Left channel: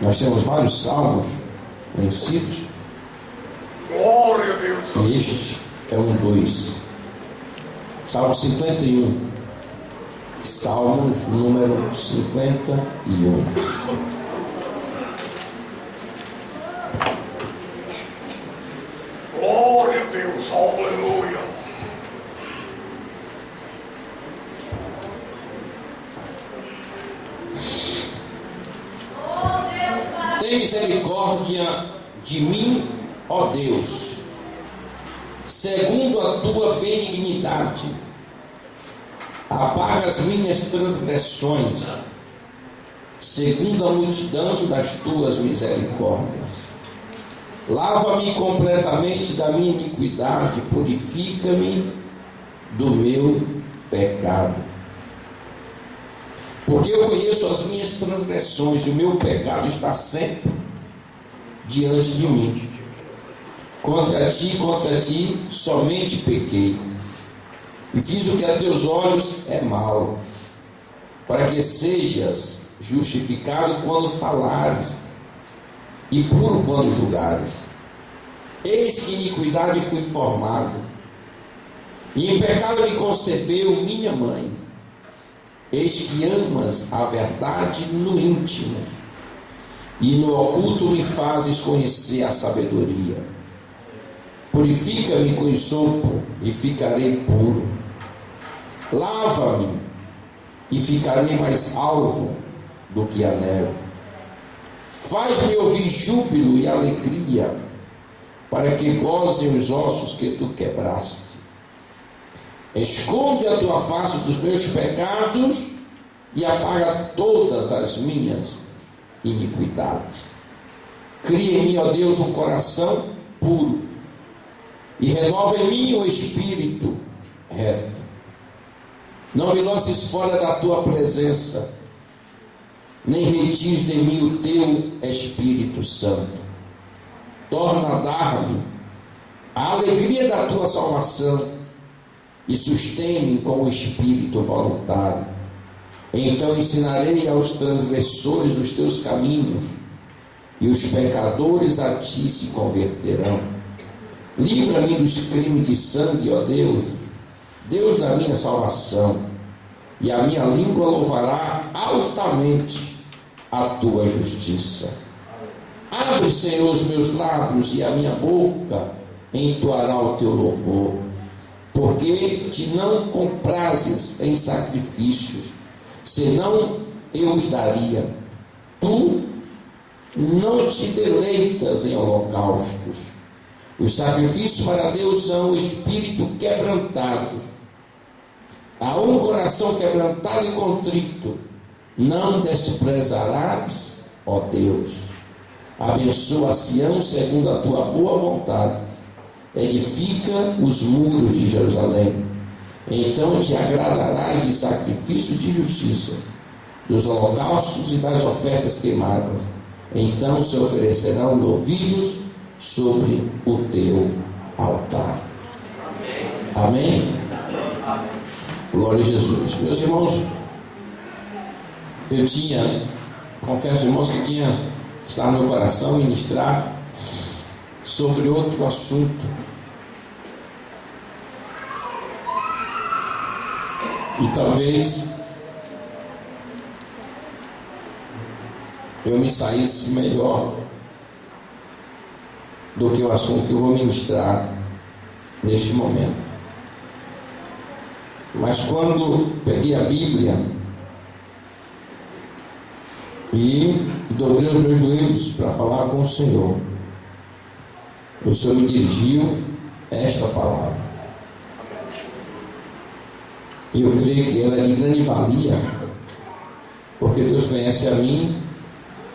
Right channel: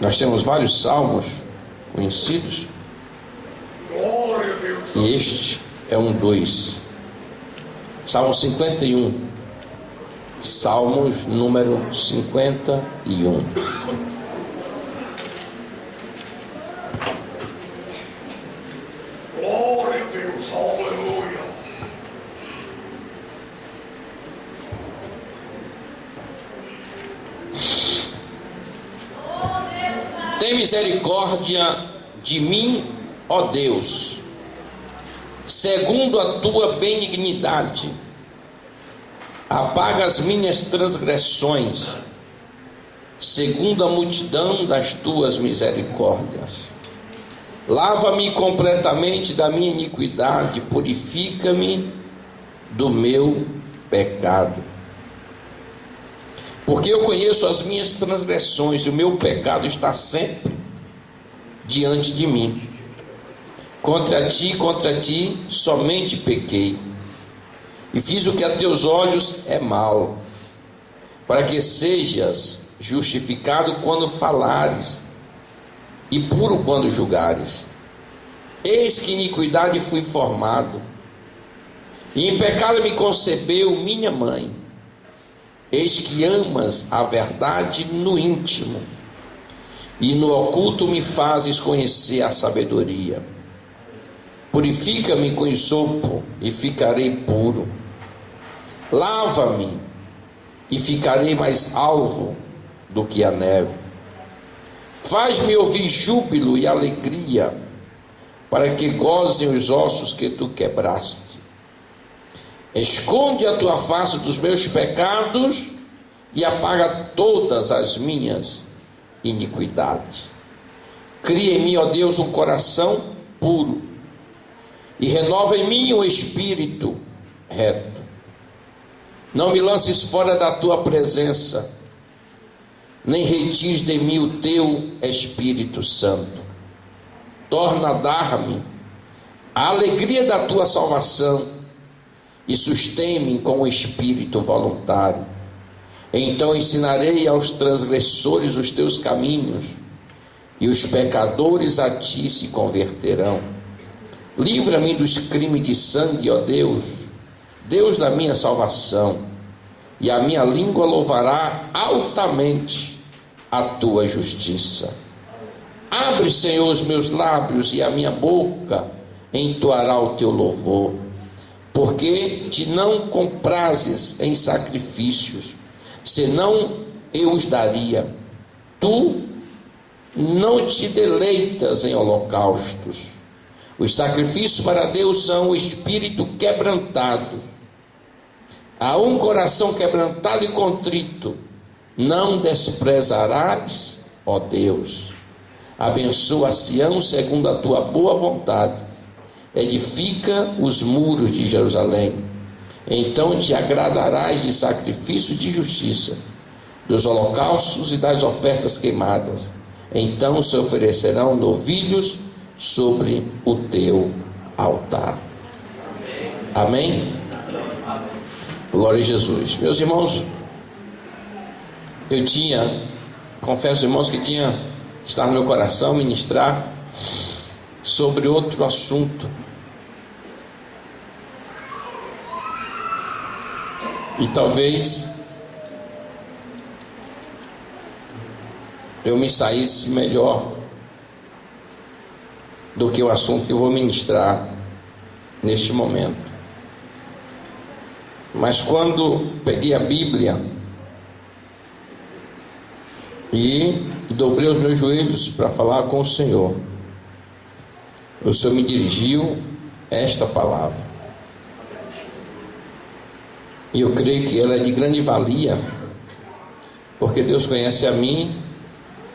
Nós temos vários salmos conhecidos, Glória a Deus. e este é um dos. Salmo 51. Salmos número 51. Glória a Deus. Aleluia. Tem misericórdia de mim, ó Deus, segundo a tua benignidade. Apaga as minhas transgressões, segundo a multidão das tuas misericórdias. Lava-me completamente da minha iniquidade, purifica-me do meu pecado. Porque eu conheço as minhas transgressões, e o meu pecado está sempre diante de mim. Contra ti, somente pequei, e fiz o que a teus olhos é mal, para que sejas justificado quando falares, e puro quando julgares. Eis que iniquidade fui formado, e em pecado me concebeu minha mãe. Eis que amas a verdade no íntimo, e no oculto me fazes conhecer a sabedoria. Purifica-me com hisopo, e ficarei puro. Lava-me, e ficarei mais alvo do que a neve. Faz-me ouvir júbilo e alegria, para que gozem os ossos que tu quebraste. Esconde a tua face dos meus pecados e apaga todas as minhas iniquidades. Cria em mim, ó Deus, um coração puro, e renova em mim um espírito reto. Não me lances fora da tua presença, nem retires de mim o teu Espírito Santo. Torna a dar-me a alegria da tua salvação, e sustém-me com o espírito voluntário. Então ensinarei aos transgressores os teus caminhos, e os pecadores a ti se converterão. Livra-me dos crimes de sangue, ó Deus, Deus da minha salvação, e a minha língua louvará altamente a tua justiça. Abre, Senhor, os meus lábios, e a minha boca entoará o teu louvor. Porque te não comprazes em sacrifícios, senão eu os daria. Tu não te deleitas em holocaustos. Os sacrifícios para Deus são o espírito quebrantado. A um coração quebrantado e contrito não desprezarás, ó Deus. Abençoa Sião segundo a tua boa vontade. Edifica os muros de Jerusalém. Então te agradarás de sacrifício de justiça, dos holocaustos e das ofertas queimadas. Então se oferecerão novilhos sobre o teu altar. Amém? Glória a Jesus. Meus irmãos, confesso, irmãos, que estava no meu coração ministrar sobre outro assunto. E talvez eu me saísse melhor do que o assunto que eu vou ministrar neste momento. Mas quando peguei a Bíblia e dobrei os meus joelhos para falar com o Senhor me dirigiu esta palavra. E eu creio que ela é de grande valia, porque Deus conhece a mim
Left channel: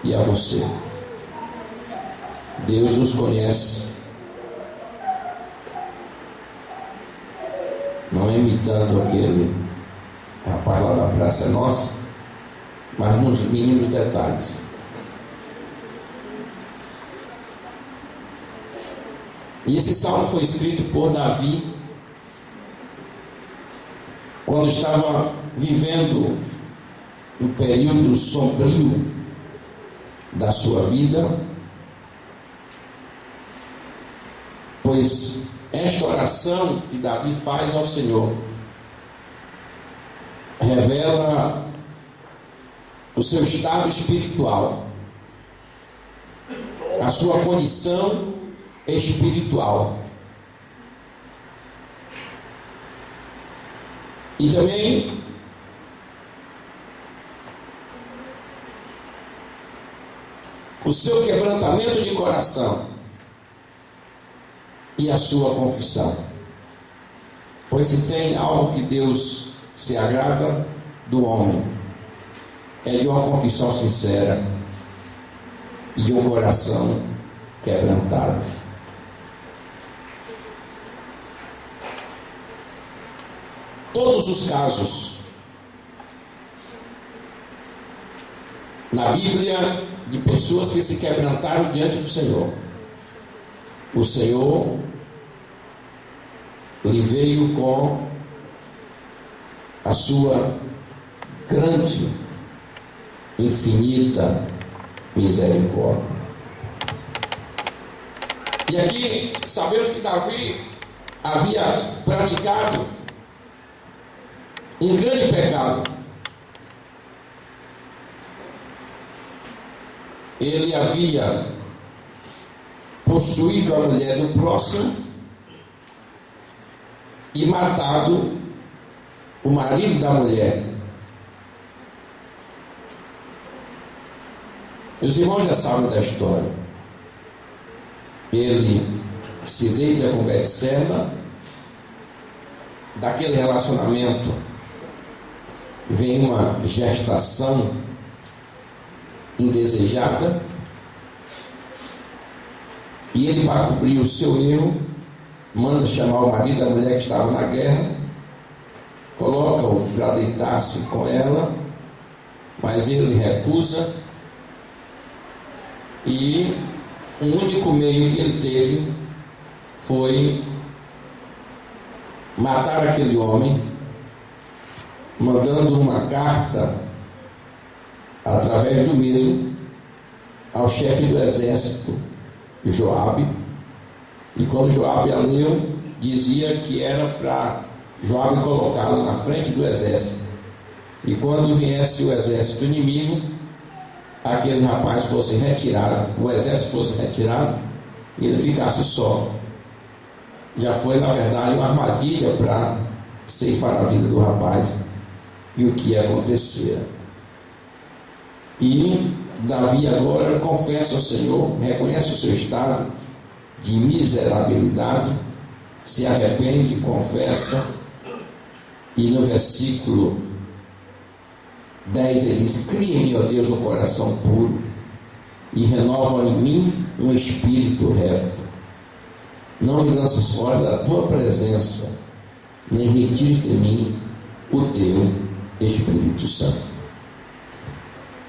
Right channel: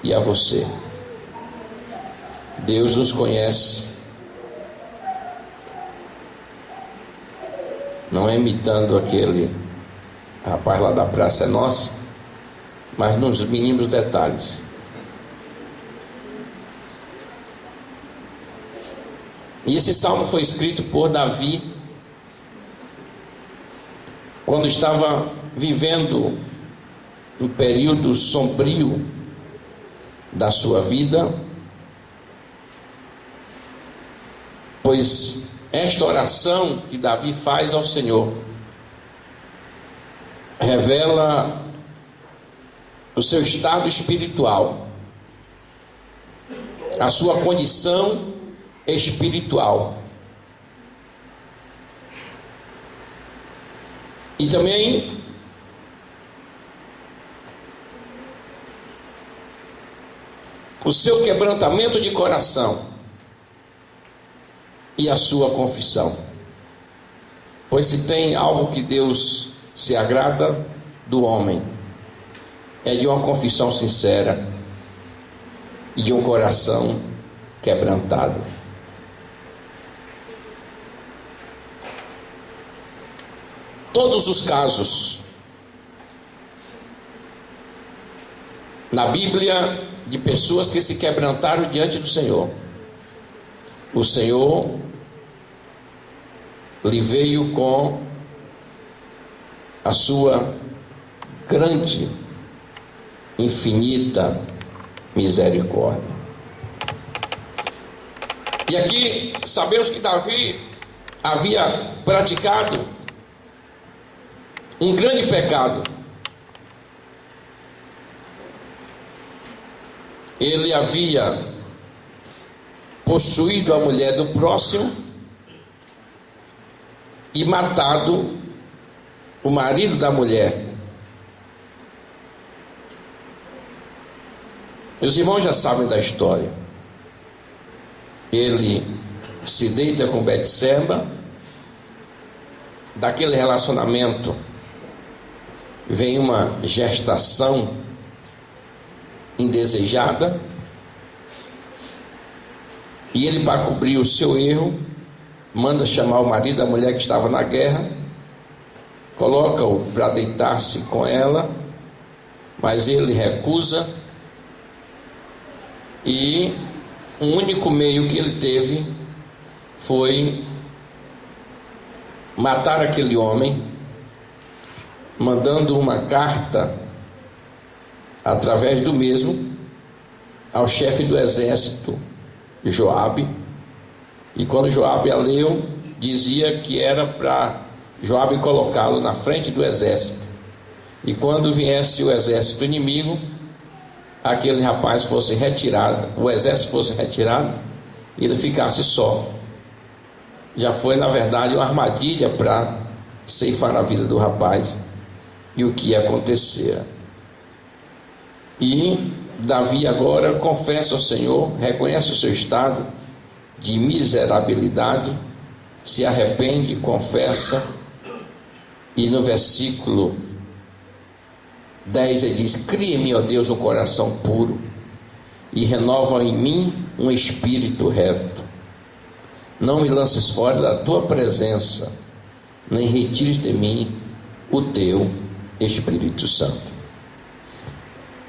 e a você. Deus nos conhece, não é imitando aquele rapaz lá da Praça é Nossa, mas nos mínimos detalhes. E esse salmo foi escrito por Davi quando estava vivendo um período sombrio da sua vida, pois esta oração que Davi faz ao Senhor revela o seu estado espiritual, a sua condição espiritual. E também o seu quebrantamento de coração e a sua confissão. Pois se tem algo que Deus se agrada do homem, é de uma confissão sincera e de um coração quebrantado. Todos os casos na Bíblia de pessoas que se quebrantaram diante do Senhor, o Senhor lhe veio com a sua grande, infinita misericórdia. E aqui sabemos que Davi havia praticado um grande pecado. Ele havia possuído a mulher do próximo e matado o marido da mulher. Os irmãos já sabem da história. Ele se deita com Betseba, daquele relacionamento vem uma gestação indesejada, e ele, para cobrir o seu erro, manda chamar o marido da mulher que estava na guerra, coloca-o para deitar-se com ela, mas ele recusa, e o único meio que ele teve foi matar aquele homem, mandando uma carta através do mesmo ao chefe do exército, Joabe. E quando Joabe a leu, dizia que era para Joabe colocá-lo na frente do exército, e quando viesse o exército inimigo, aquele rapaz fosse retirado, o exército fosse retirado, e ele ficasse só. Já foi, na verdade, uma armadilha para ceifar a vida do rapaz. E o que ia acontecer? E Davi agora confessa ao Senhor, reconhece o seu estado de miserabilidade, se arrepende, confessa, e no versículo 10 ele diz: cria-me, ó Deus, um coração puro e renova em mim um espírito reto. Não me lances fora da tua presença, nem retires de mim o teu Espírito Santo.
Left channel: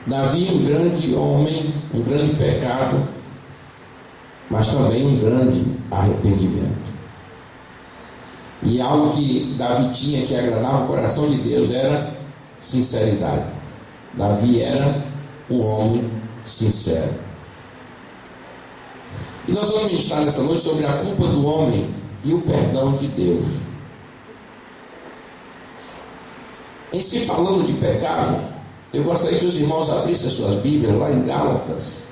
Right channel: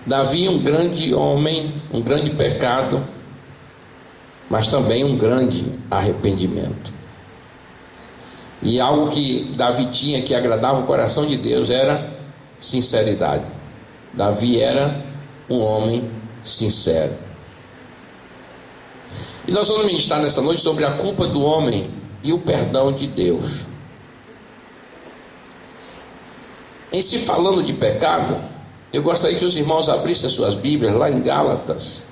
Davi, um grande homem, um grande pecado, mas também um grande arrependimento. E algo que Davi tinha que agradava o coração de Deus era sinceridade. Davi era um homem sincero. E nós vamos ministrar nessa noite sobre a culpa do homem e o perdão de Deus. Em se falando de pecado, eu gostaria que os irmãos abrissem as suas Bíblias lá em Gálatas.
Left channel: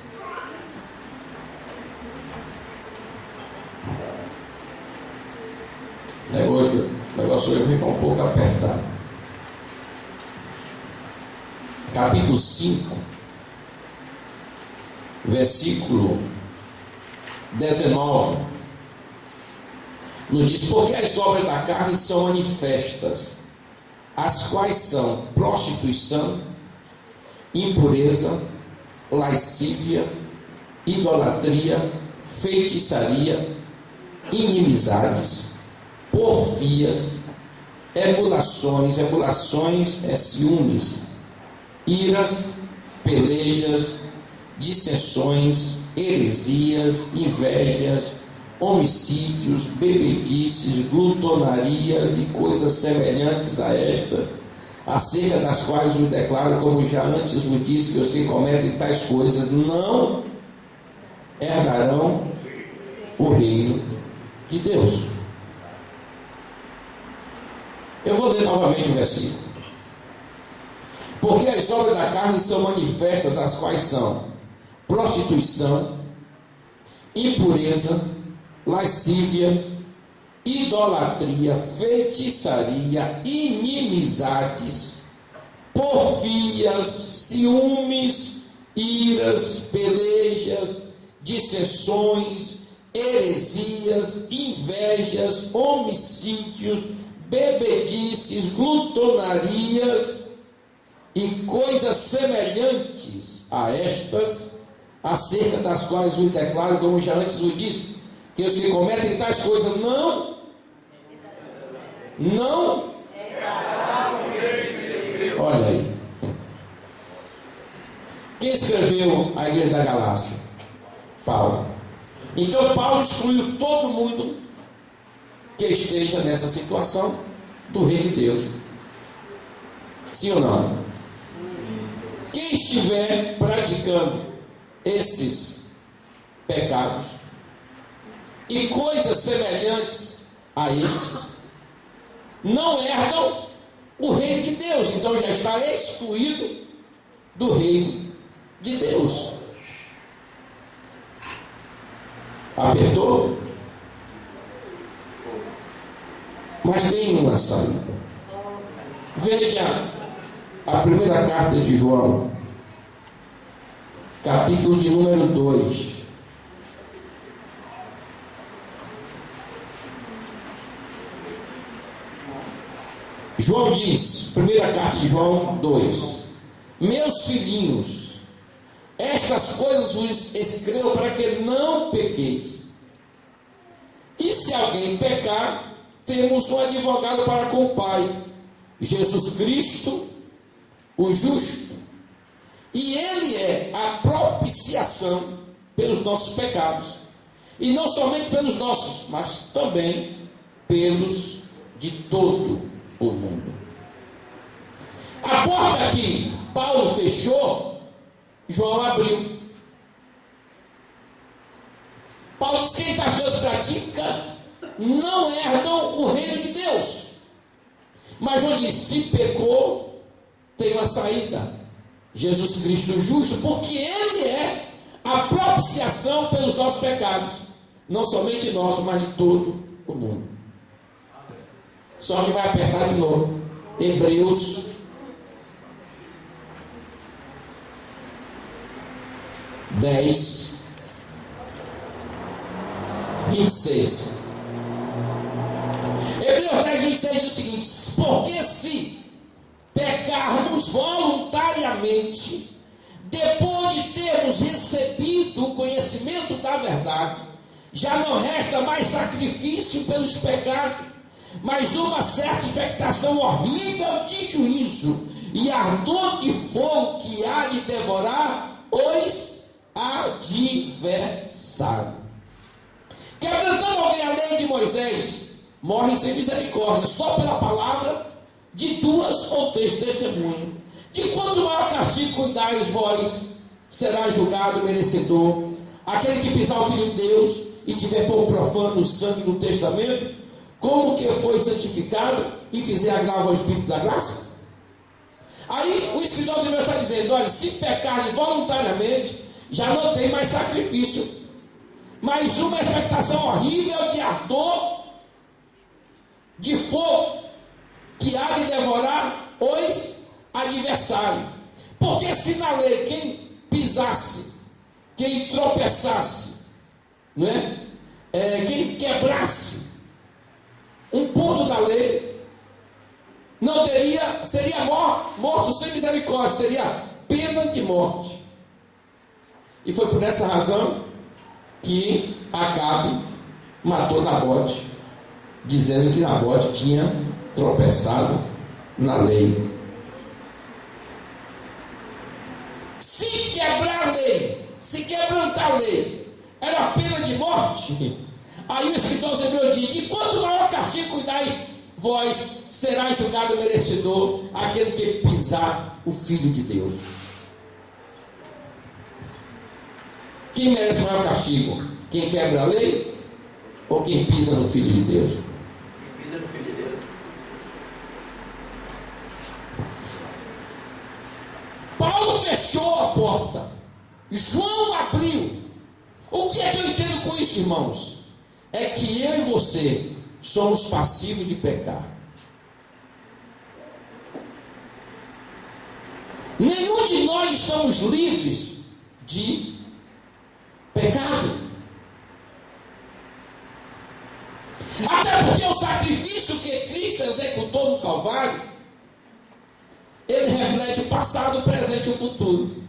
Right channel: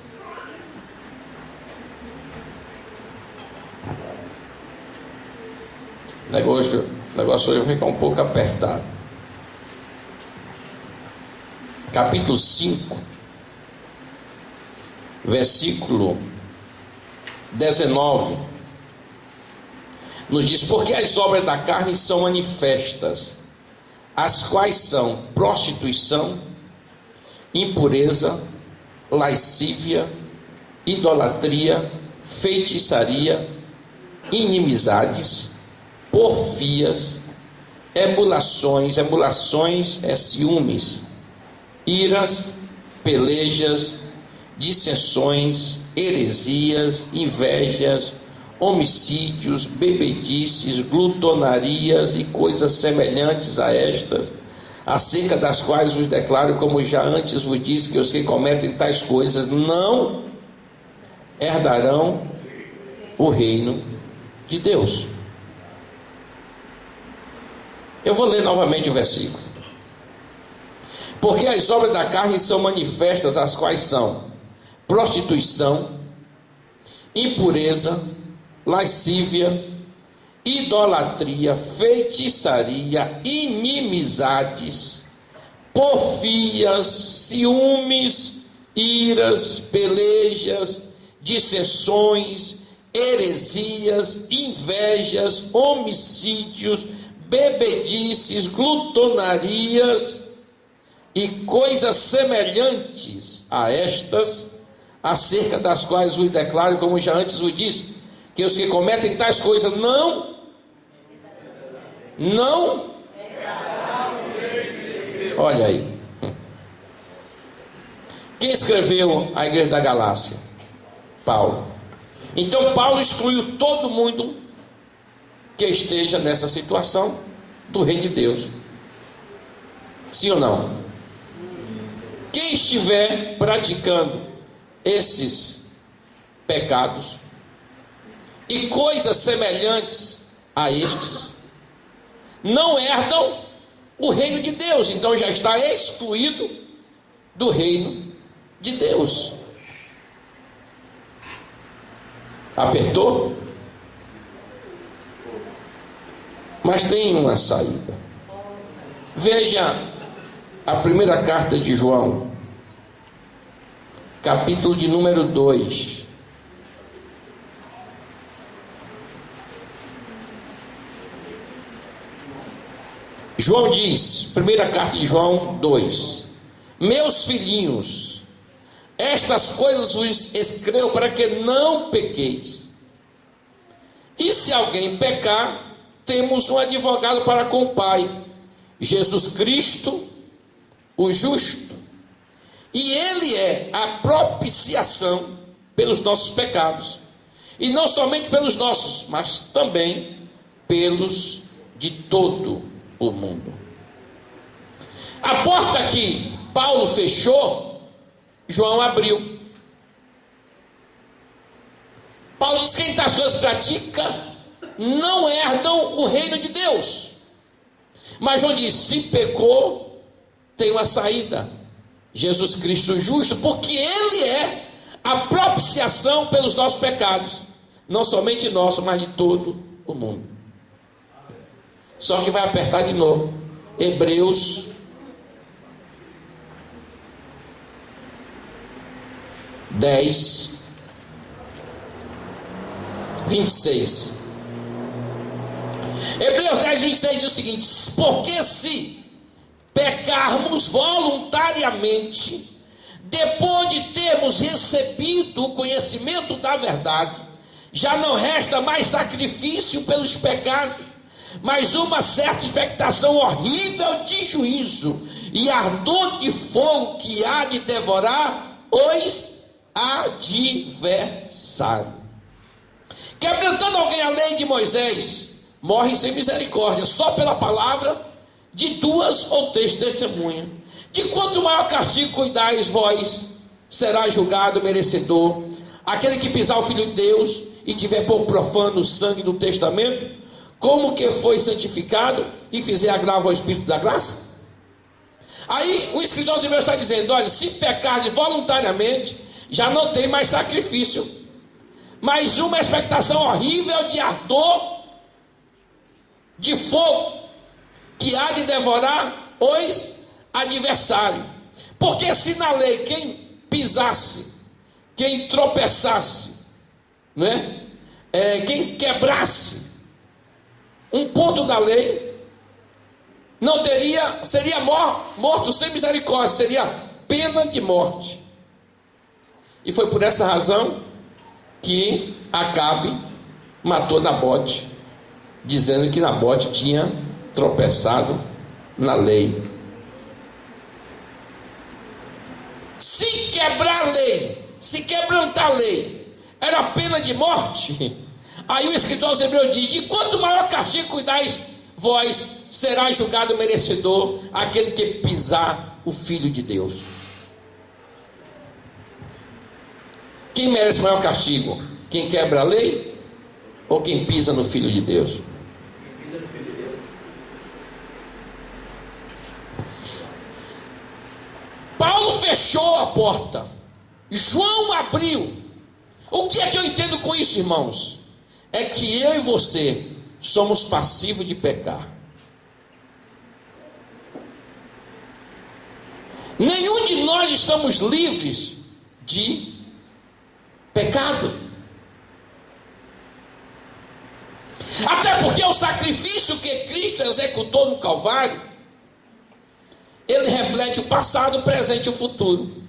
O negócio hoje fica um pouco apertado. Capítulo 5, versículo 19, nos diz: porque as obras da carne são manifestas, as quais são prostituição, impureza, lascívia, idolatria, feitiçaria, inimizades, porfias, emulações é ciúmes, iras, pelejas, dissensões, heresias, invejas, homicídios, bebedices, glutonarias e coisas semelhantes a estas, acerca das quais vos declaro, como já antes vos disse, que os que cometem tais coisas não herdarão o reino de Deus. Eu vou ler novamente o versículo. Porque as obras da carne são manifestas, as quais são prostituição, impureza, lascívia, idolatria, feitiçaria, inimizades, porfias, ciúmes, iras, pelejas, dissensões, heresias, invejas, homicídios, bebedices, glutonarias e coisas semelhantes a estas, acerca das quais vos declaro, como já antes vos disse, que os que cometem tais coisas não, olha aí, quem escreveu a igreja da Galácia? Paulo. Então Paulo excluiu todo mundo que esteja nessa situação do reino de Deus. Sim ou não? Quem estiver praticando esses pecados e coisas semelhantes a estes, não herdam o reino de Deus. Então já está excluído do reino de Deus. Apertou? Mas tem uma saída. Veja a primeira carta de João, capítulo de número 2. João diz, primeira carta de João 2: meus filhinhos, estas coisas vos escrevo para que não pequeis. E se alguém pecar, temos um advogado para com o Pai, Jesus Cristo, o justo. E ele é a propiciação pelos nossos pecados, e não somente pelos nossos, mas também pelos de todo o mundo. A porta que Paulo fechou, João abriu. Paulo diz que quem tais coisas pratica não herdam o reino de Deus. Mas João diz: se pecou, tem uma saída, Jesus Cristo justo, porque ele é a propiciação pelos nossos pecados, não somente nossos, mas de todo o mundo. Só que vai apertar de novo. Hebreus 10, 26. Hebreus 10, 26 diz o seguinte: porque se pecarmos voluntariamente, depois de termos recebido o conhecimento da verdade, já não resta mais sacrifício pelos pecados, mas uma certa expectação horrível de juízo e ardor de fogo que há de devorar os adversários. Quebrantando alguém a lei de Moisés, morre sem misericórdia, só pela palavra de 2 ou 3 testemunhas. De quanto maior castigo cuidais vós, será julgado merecedor aquele que pisar o Filho de Deus e tiver por profano o sangue do testamento, como que foi santificado e fizer agravo ao Espírito da graça? Aí o escritor de Hebreus está dizendo: olha, se pecar voluntariamente, já não tem mais sacrifício, mas uma expectação horrível de ardor de fogo que há de devorar os adversários. Porque se na lei quem pisasse, quem tropeçasse, não é? Quem quebrasse um ponto da lei, não teria, seria morto sem misericórdia, seria pena de morte. E foi por essa razão que Acabe matou Nabote, dizendo que Nabote tinha tropeçado na lei. Se quebrar a lei, se quebrantar a lei, era pena de morte. Aí o escritor aos Hebreus diz: de quanto maior castigo cuidais vós, será julgado merecedor aquele que pisar o Filho de Deus. Quem merece maior castigo? Quem quebra a lei ou quem pisa no Filho de Deus? Quem pisa no Filho de Deus. Paulo fechou a porta, João abriu. O que é que eu entendo com isso, irmãos? É que eu e você somos passivos de pecar. Nenhum de nós estamos livres de pecado. Até porque o sacrifício que Cristo executou no Calvário, ele reflete o passado, o presente e o futuro.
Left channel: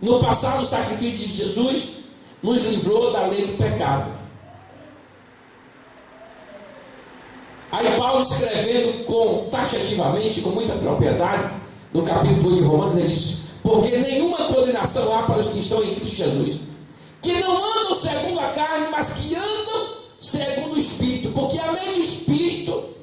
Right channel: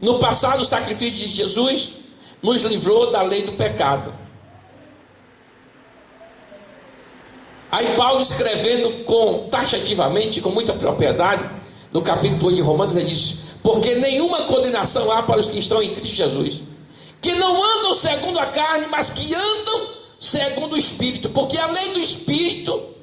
No passado, o sacrifício de Jesus nos livrou da lei do pecado. Aí Paulo, escrevendo taxativamente, com muita propriedade, no capítulo 8 de Romanos, ele diz: porque nenhuma condenação há para os que estão em Cristo Jesus, que não andam segundo a carne, mas que andam segundo o Espírito. Porque a lei do Espírito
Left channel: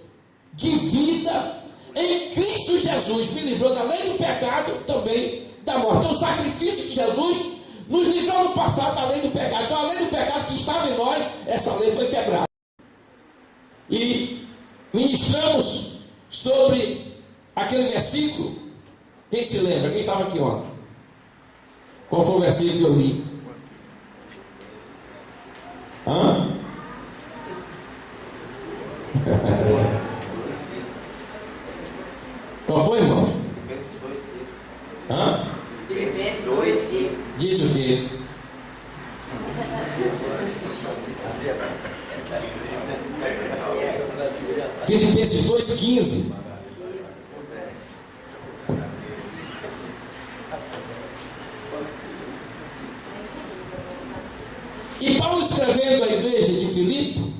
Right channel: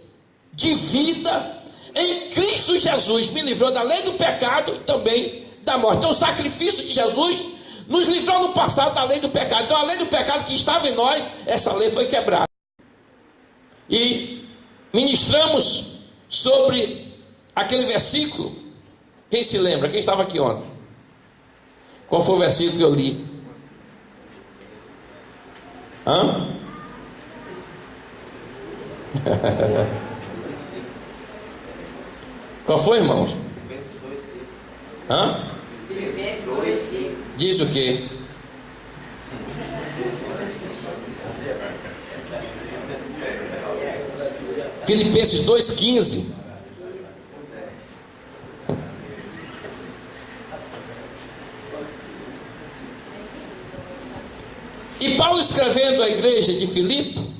de vida em Cristo Jesus me livrou da lei do pecado e também da morte. Então o sacrifício de Jesus nos livrou no passado da lei do pecado. Então a lei do pecado que estava em nós, essa lei foi quebrada. E ministramos sobre aquele versículo. Quem se lembra? Quem estava aqui ontem? Qual foi o versículo que eu li? Hã? Qual foi, irmãos? Hã? Diz o quê? Filipenses 2,15. E Paulo, escrevendo à igreja de Filipe,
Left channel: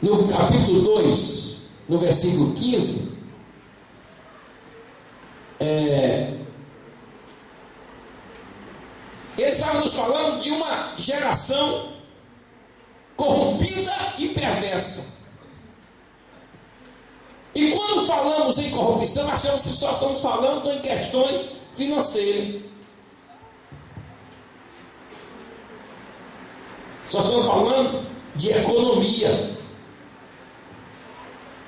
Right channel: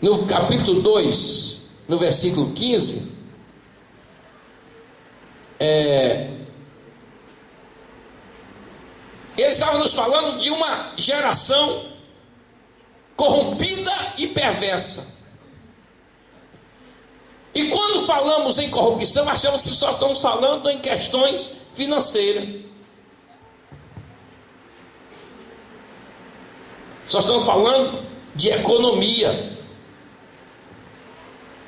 no capítulo 2, no versículo 15, ele estava nos falando de uma geração corrompida e perversa. E quando falamos em corrupção, achamos que só estamos falando em questões financeiras. Só estamos falando de economia.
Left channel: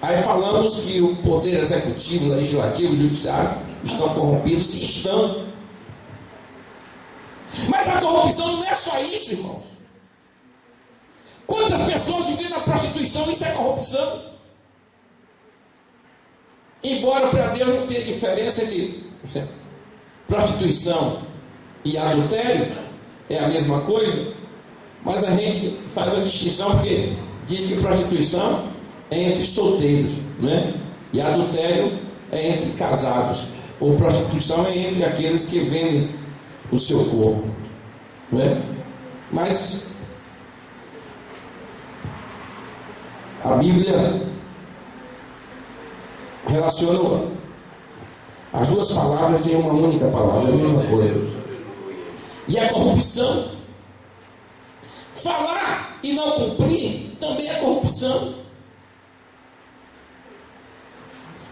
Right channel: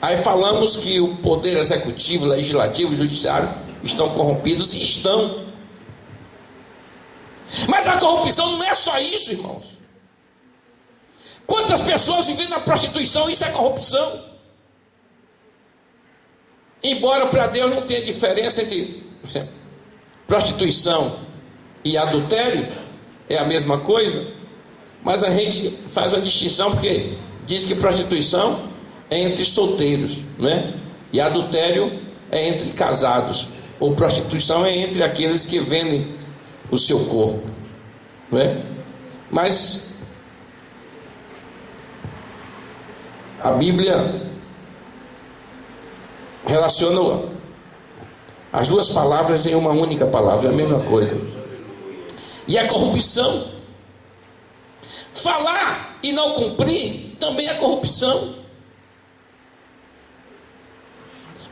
Aí falamos que o poder executivo, legislativo e judiciário estão corrompidos, e estão. Mas a corrupção não é só isso, irmãos. Quantas pessoas vivem na prostituição? Isso é corrupção. Embora para Deus não tenha diferença entre prostituição e adultério, é a mesma coisa, mas a gente faz uma distinção, porque diz que prostituição é entre solteiros, não é? E adultério é entre casados, ou prostituição é entre aqueles que vendem o seu corpo, não é? Mas a Bíblia relaciona as duas palavras em uma única palavra, é a mesma coisa. E a corrupção, falar e não cumprir, também é corrupção.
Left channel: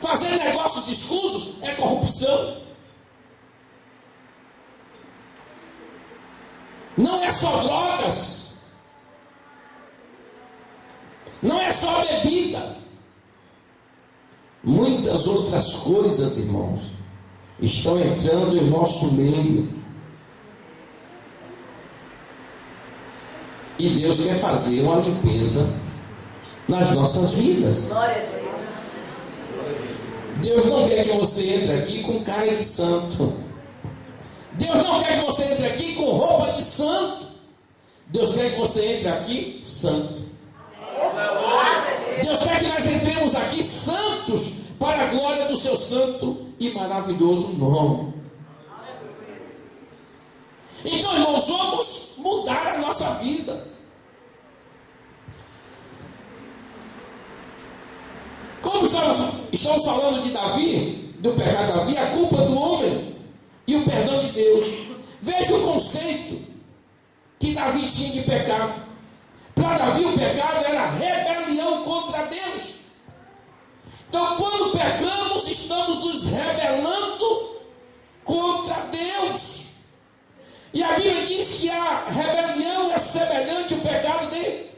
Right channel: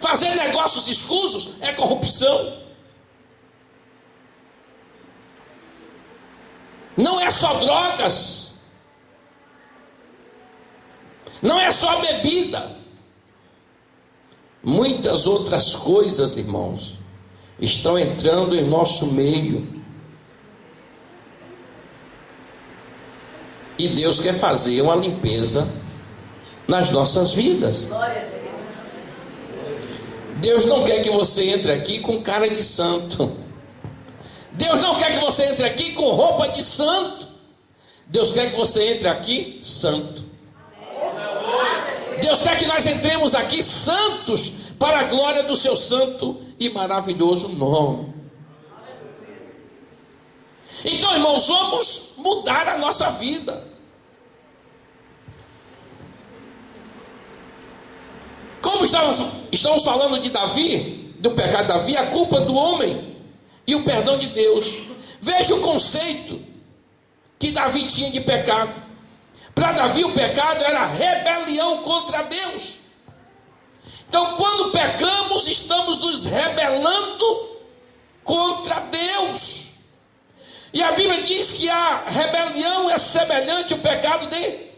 Fazer negócios escusos é corrupção. Não é só drogas, não é só bebida. Muitas outras coisas, irmãos, estão entrando em nosso meio. E Deus quer fazer uma limpeza nas nossas vidas. Deus não quer que você entre aqui com cara de santo. Deus não quer que você entre aqui com roupa de santo. Deus quer que você entre aqui santo. Deus quer que nós entremos aqui santos para a glória do seu santo e maravilhoso nome. Então, irmãos, vamos mudar a nossa vida. Como estamos falando de Davi, do pecado de Davi, a culpa do homem e o perdão de Deus. Veja o conceito que Davi tinha de pecado. Para Davi o pecado era rebelião contra Deus. Então, quando pecamos, estamos nos rebelando contra Deus. E a Bíblia diz que a rebelião é semelhante ao pecado de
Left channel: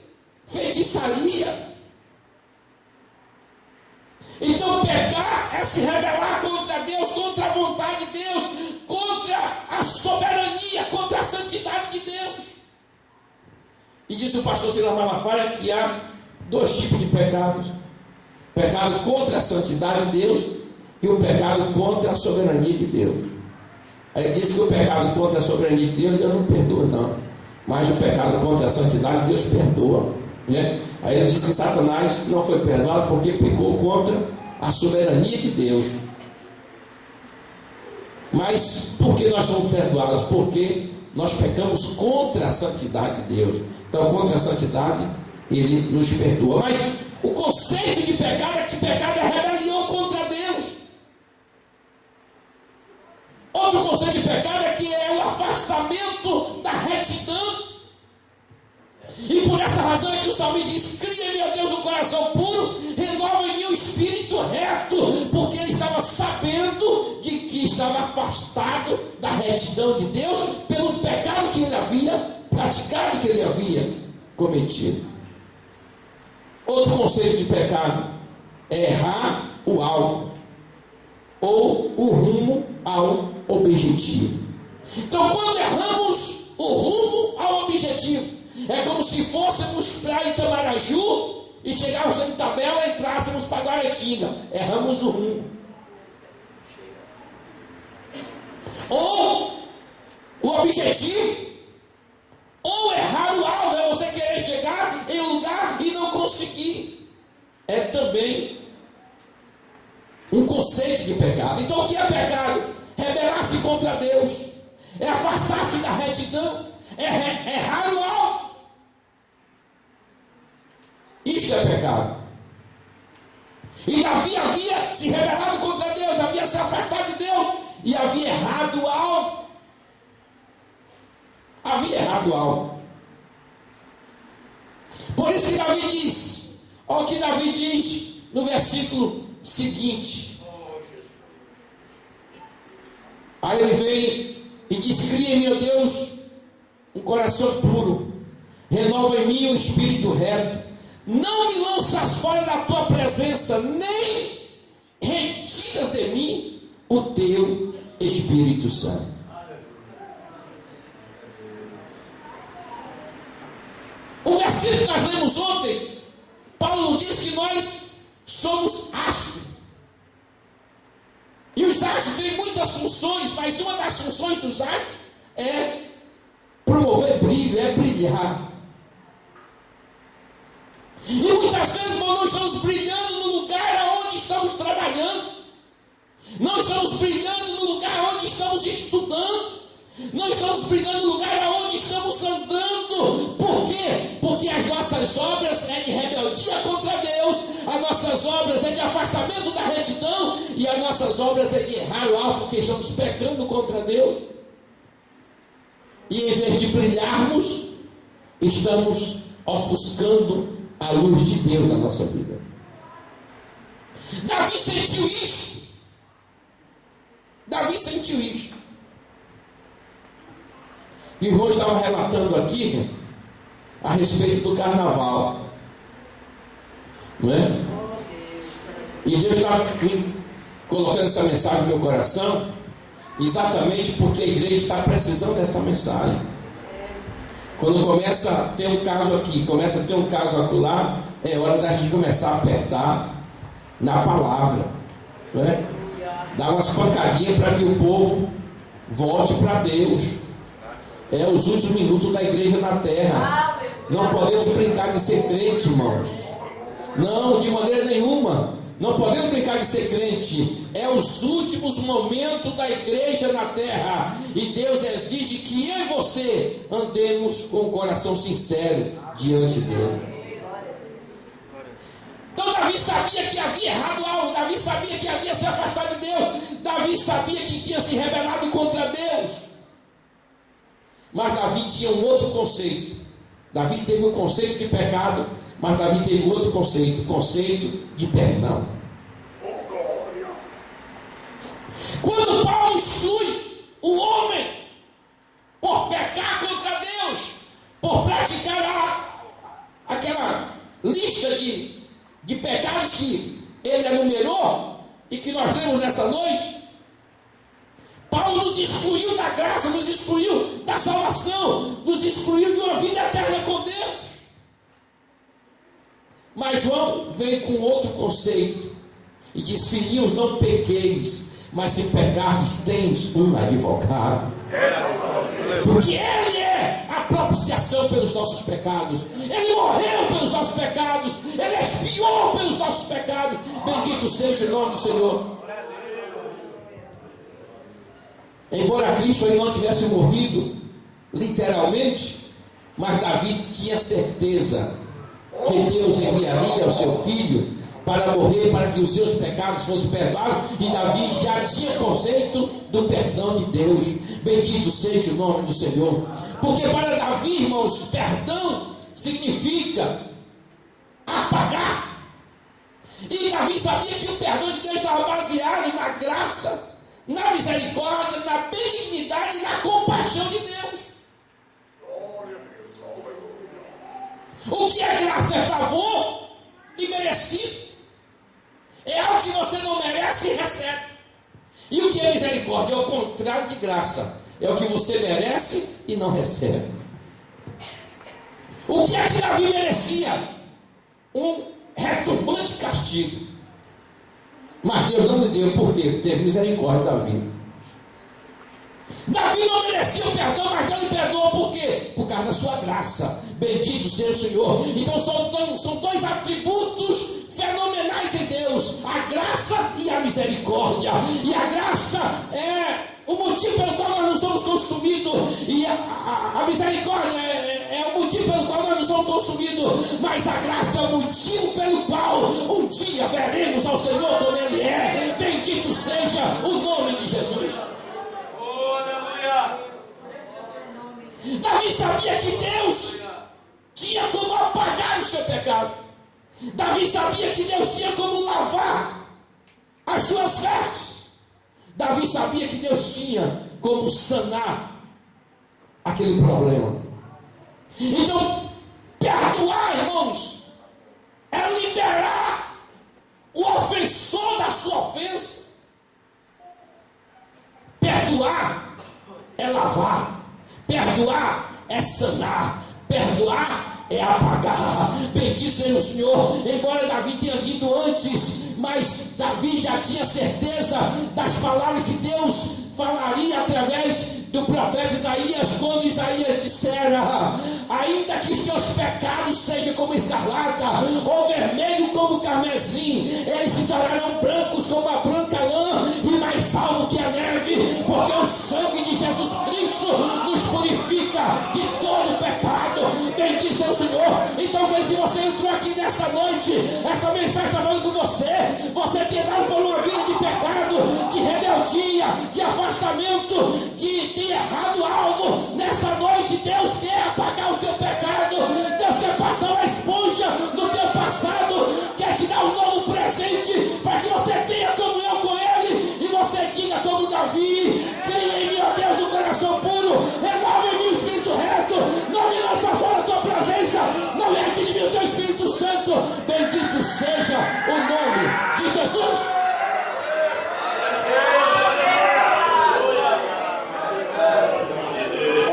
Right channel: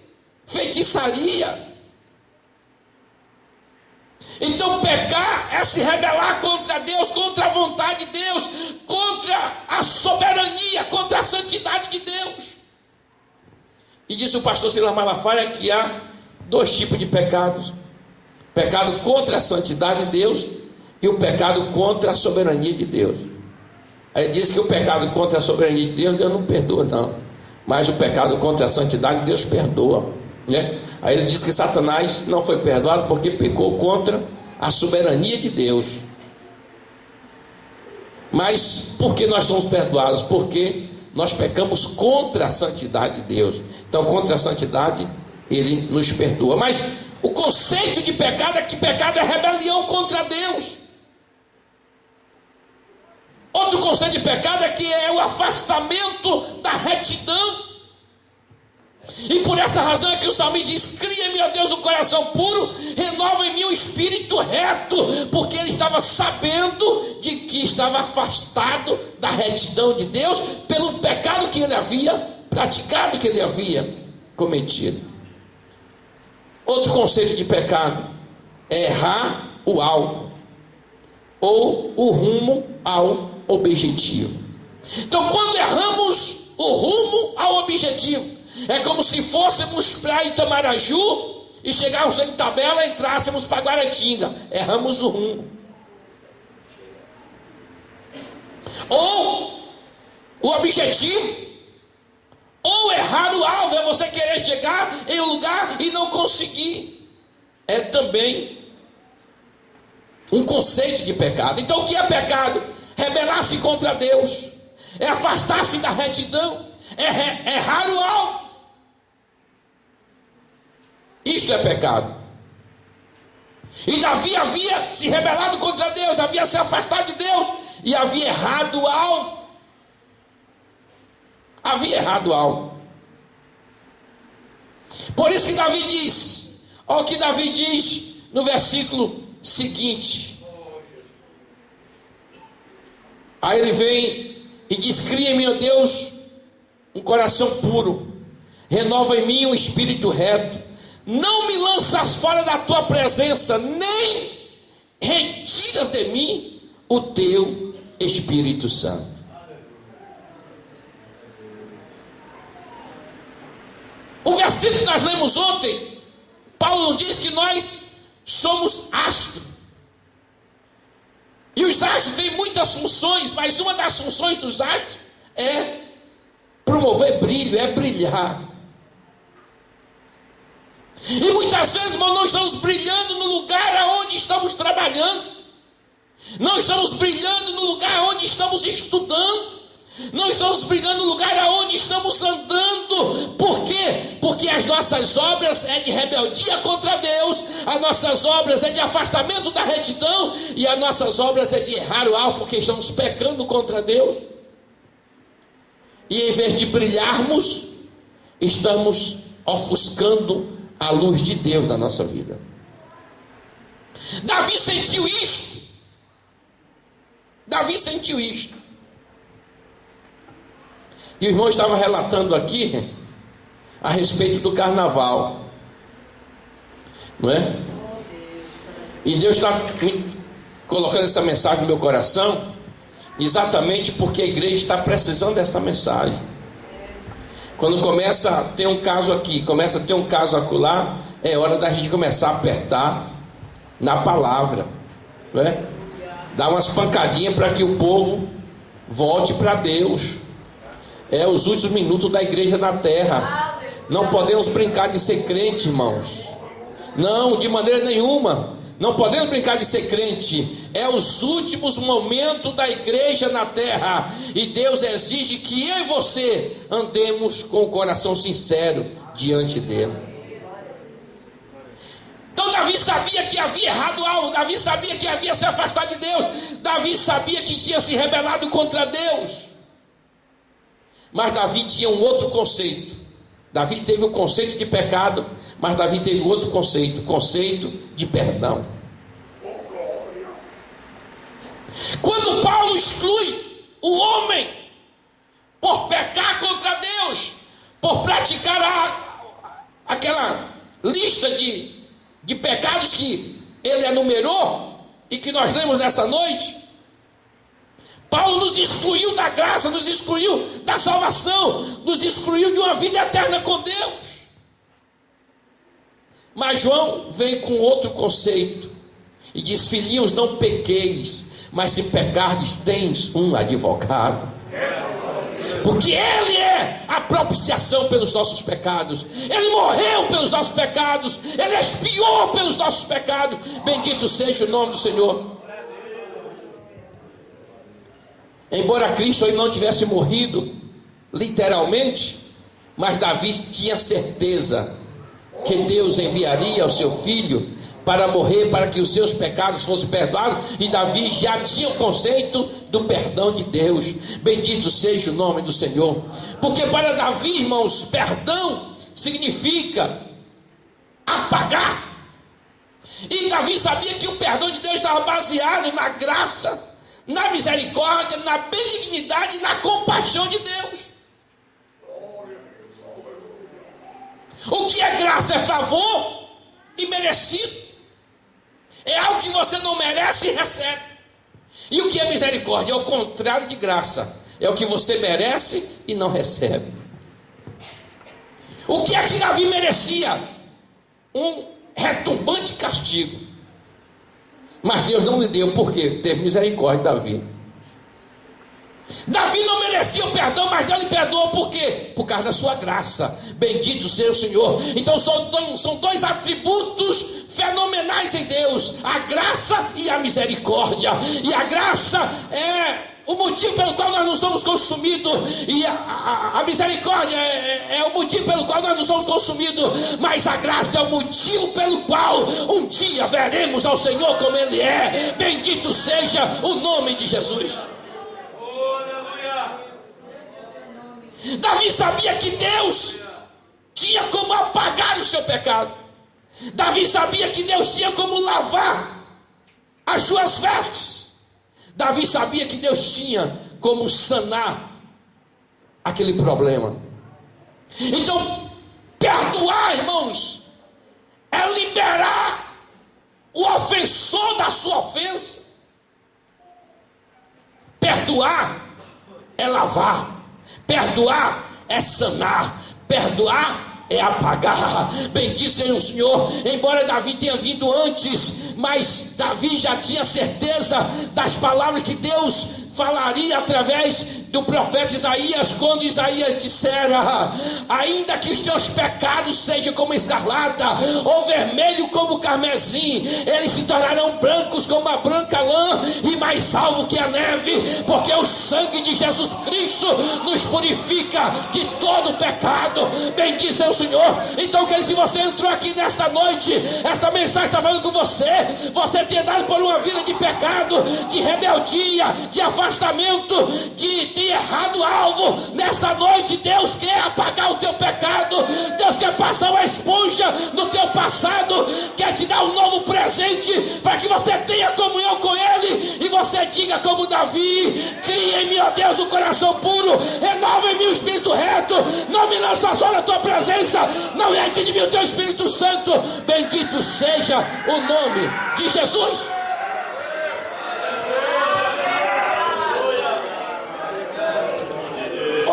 feitiçaria. Então pecar é se rebelar contra Deus, contra a vontade de Deus, contra a soberania, contra a santidade de Deus. E disse o pastor Silas Malafaia que há dois tipos de pecados: pecado contra a santidade de Deus e o pecado contra a soberania de Deus. Aí ele disse que o pecado contra a soberania de Deus não perdoa não, mas o pecado contra a santidade de Deus perdoa, né? Aí ele disse que Satanás não foi perdoado porque pecou contra a soberania de Deus. Mas por que nós somos perdoados? Porque nós pecamos contra a santidade de Deus. Então contra a santidade ele nos perdoa. Mas o conceito de pecado é que pecado é rebelião contra Deus. Outro conceito de pecado é que é o afastamento da retidão. E por essa razão é que o salmista diz: cria-me, ó Deus, um coração puro, renova em mim um espírito reto, porque ele estava sabendo de que estava afastado da retidão de Deus pelo pecado que ele havia praticado, que ele havia cometido. Outro conceito de pecado é errar o alvo ou o rumo ao objetivo. Então, quando erramos o rumo ao objetivo, é como se fôssemos para Itamaraju e chegássemos em Itabela e entrássemos para Guaratinga. Erramos o rumo. Ou o objetivo, ou errar o alvo, é você querer chegar em um lugar e não conseguir. É também um conceito de pecado. Então o que é pecado? Rebelar-se contra Deus, é afastar-se da retidão, é errar o alvo. Isto é pecado. E Davi havia se rebelado contra Deus, havia se afastado de Deus e havia errado o alvo. Havia errado o alvo. Por isso que Davi diz, olha o que Davi diz no versículo seguinte. Aí ele vem e diz: cria em mim, ó Deus, um coração puro, renova em mim um espírito reto. Não me lanças fora da tua presença, nem retiras de mim o teu Espírito Santo. O versículo que nós lemos ontem, Paulo diz que nós somos astros. E os astros têm muitas funções, mas uma das funções dos astros é promover brilho, é brilhar. E muitas vezes, irmão, nós estamos brilhando no lugar aonde estamos trabalhando, não estamos brilhando no lugar onde estamos estudando, não estamos brilhando no lugar aonde estamos andando. Por quê? Porque as nossas obras é de rebeldia contra Deus, as nossas obras é de afastamento da retidão, e as nossas obras é de errar o alvo, porque estamos pecando contra Deus. E em vez de brilharmos, estamos ofuscando a luz de Deus na nossa vida. Davi sentiu isto. Davi sentiu isto. E o irmão estava relatando aqui a respeito do carnaval, não é? E Deus está me colocando essa mensagem no meu coração, exatamente porque a igreja está precisando dessa mensagem. Quando começa a ter um caso aqui, começa a ter um caso acolá, é hora da gente começar a apertar na palavra, não é? Dar umas pancadinhas para que o povo volte para Deus. É os últimos minutos da igreja na terra. Não podemos brincar de ser crente, irmãos. Não, de maneira nenhuma. Não podemos brincar de ser crente. É os últimos momentos da igreja na terra. E Deus exige que eu e você andemos com o coração sincero diante dele. Então Davi sabia que havia errado algo. Davi sabia que havia se afastado de Deus. Davi sabia que tinha se rebelado contra Deus. Mas Davi tinha um outro conceito. Davi teve o conceito de pecado, mas Davi teve outro conceito, o conceito de perdão. Quando Paulo exclui o homem por pecar contra Deus, por praticar aquela lista de pecados que ele enumerou e que nós lemos nessa noite, Paulo nos excluiu da graça, nos excluiu da salvação, nos excluiu de uma vida eterna com Deus. Mas João vem com outro conceito e diz: filhinhos, não pequeis, mas se pecardes, tens um advogado. Porque Ele é a propiciação pelos nossos pecados. Ele morreu pelos nossos pecados. Ele expiou pelos nossos pecados. Bendito seja o nome do Senhor. Embora Cristo ainda não tivesse morrido literalmente, mas Davi tinha certeza que Deus enviaria o seu filho para morrer, para que os seus pecados fossem perdoados, e Davi já tinha o conceito do perdão de Deus. Bendito seja o nome do Senhor. Porque para Davi, irmãos, perdão significa apagar. E Davi sabia que o perdão de Deus estava baseado na graça, na misericórdia, na benignidade e na compaixão de Deus. O que é graça? É favor imerecido. É algo que você não merece e recebe. E o que é misericórdia? É o contrário de graça. É o que você merece e não recebe. O que é que Davi merecia? Um retumbante castigo. Mas Deus não lhe deu. Por quê? Teve misericórdia de Davi. Davi não merecia o perdão, mas Deus lhe perdoou. Por quê? Por causa da sua graça. Bendito seja o Senhor. Então são dois atributos fenomenais em Deus: a graça e a misericórdia. E a graça é o motivo pelo qual nós não somos consumidos, e a misericórdia é o motivo pelo qual nós não somos consumidos, mas a graça é o motivo pelo qual um dia veremos ao Senhor como Ele é. Bendito seja o nome de Jesus. Davi sabia que Deus tinha como apagar o seu pecado. Davi sabia que Deus tinha como lavar as suas vestes. Davi sabia que Deus tinha como sanar aquele problema. Então, perdoar, irmãos, é liberar o ofensor da sua ofensa. Perdoar é lavar. Perdoar é sanar. Perdoar é apagar. Bendito seja o Senhor. Embora Davi tenha vindo antes, mas Davi já tinha certeza das palavras que Deus falaria através do profeta Isaías, quando Isaías dissera: ainda que os teus pecados sejam como escarlata, ou vermelho como carmesim, eles se tornarão brancos como a branca lã, e mais alvo que a neve, porque o sangue de Jesus Cristo nos purifica de todo pecado. Bendito seja o Senhor. Então, se você entrou aqui nesta noite, esta mensagem está falando com você. Você tem dado por uma vida de pecado, de rebeldia, de afastamento, de ter errado algo. Nesta noite Deus quer apagar o teu pecado. Deus quer passar uma esponja no teu passado, quer te dar um novo presente, para que você tenha comunhão com Ele, e você diga como Davi: cria em mim, ó Deus, um coração puro, renova em mim o espírito reto, não me lança só na tua presença, não enche de mim o teu Espírito Santo. Bendito seja o nome de Jesus.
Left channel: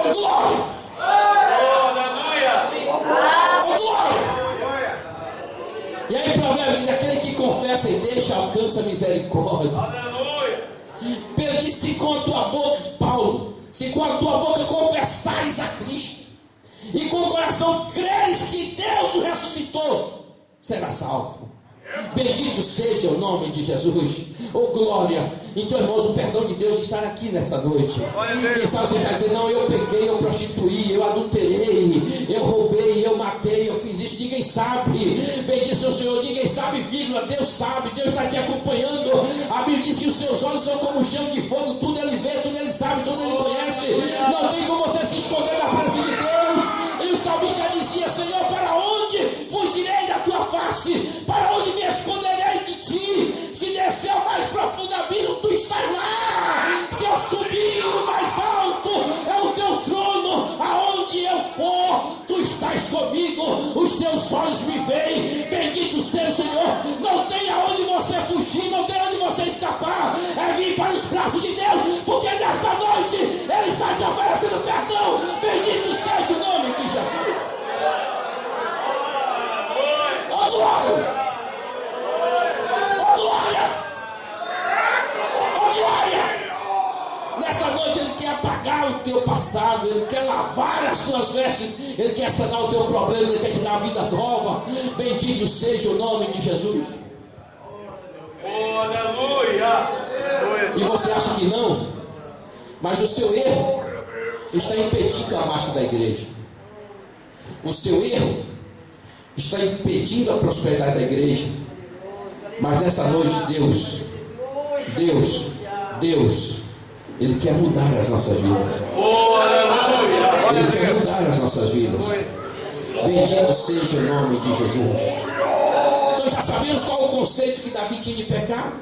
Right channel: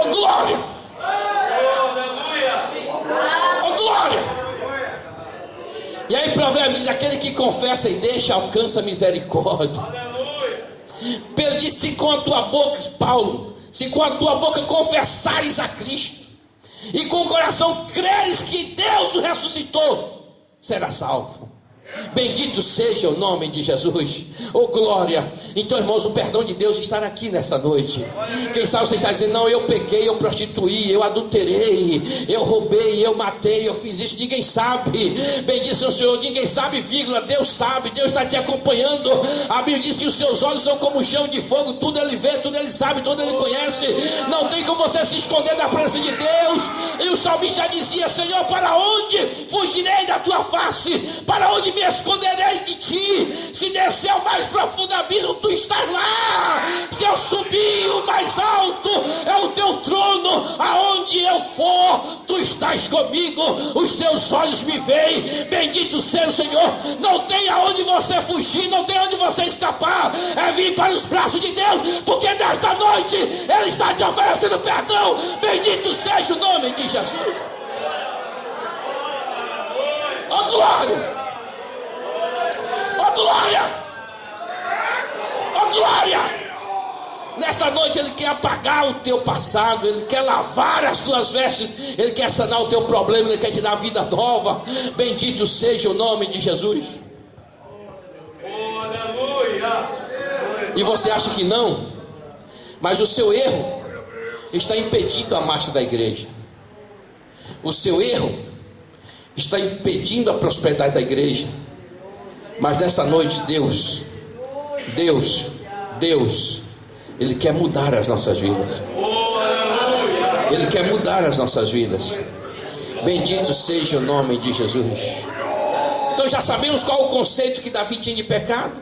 Glória! Oh, glória! E aí Provérbios diz: aquele que confessa e deixa alcança misericórdia. Pedro disse: se com a tua boca, Paulo, se com a tua boca confessares a Cristo e com o coração creres que Deus o ressuscitou, será salvo. Bendito seja o nome de Jesus. Oh glória. Então, irmãos, o perdão de Deus está aqui nessa noite. Quem sabe você está dizendo: não, eu pequei, eu prostituí, eu adulterei, eu roubei, eu matei, eu fiz isso. Ninguém sabe. Bendito seja o Senhor. Ninguém sabe, vírgula. Deus sabe. Deus está te acompanhando. A Bíblia diz que os seus olhos são como um chão de fogo. Tudo Ele vê, tudo Ele sabe, tudo Ele conhece. Não tem como você se esconder da presença de Deus. E o salmista já dizia: Senhor, para onde fugirei da tua face? Para onde me esconderei de ti? Se descer ao mais profundo abismo, tu estás lá. estás comigo, os teus olhos me veem. Bendito seja o Senhor. Não tem aonde você fugir, não tem onde você escapar. É vir para os braços de Deus, porque nesta noite Ele está te oferecendo perdão. Bendito seja o nome de Jesus. Oh glória! Oh glória! Oh glória! Nesta noite Ele quer apagar o teu passado, Ele quer lavar as tuas vestes, Ele quer sanar o teu problema, Ele quer te dar vida nova. Bendito seja o nome de Jesus. Oh, aleluia! E você acha que não? Mas o seu erro está impedindo a marcha da igreja. O seu erro está impedindo a prosperidade da igreja. Mas nessa noite Deus, Ele quer mudar as nossas vidas. Ele quer mudar as nossas vidas. Bendito seja o nome de Jesus. Então já sabemos qual o conceito que Davi tinha de pecado,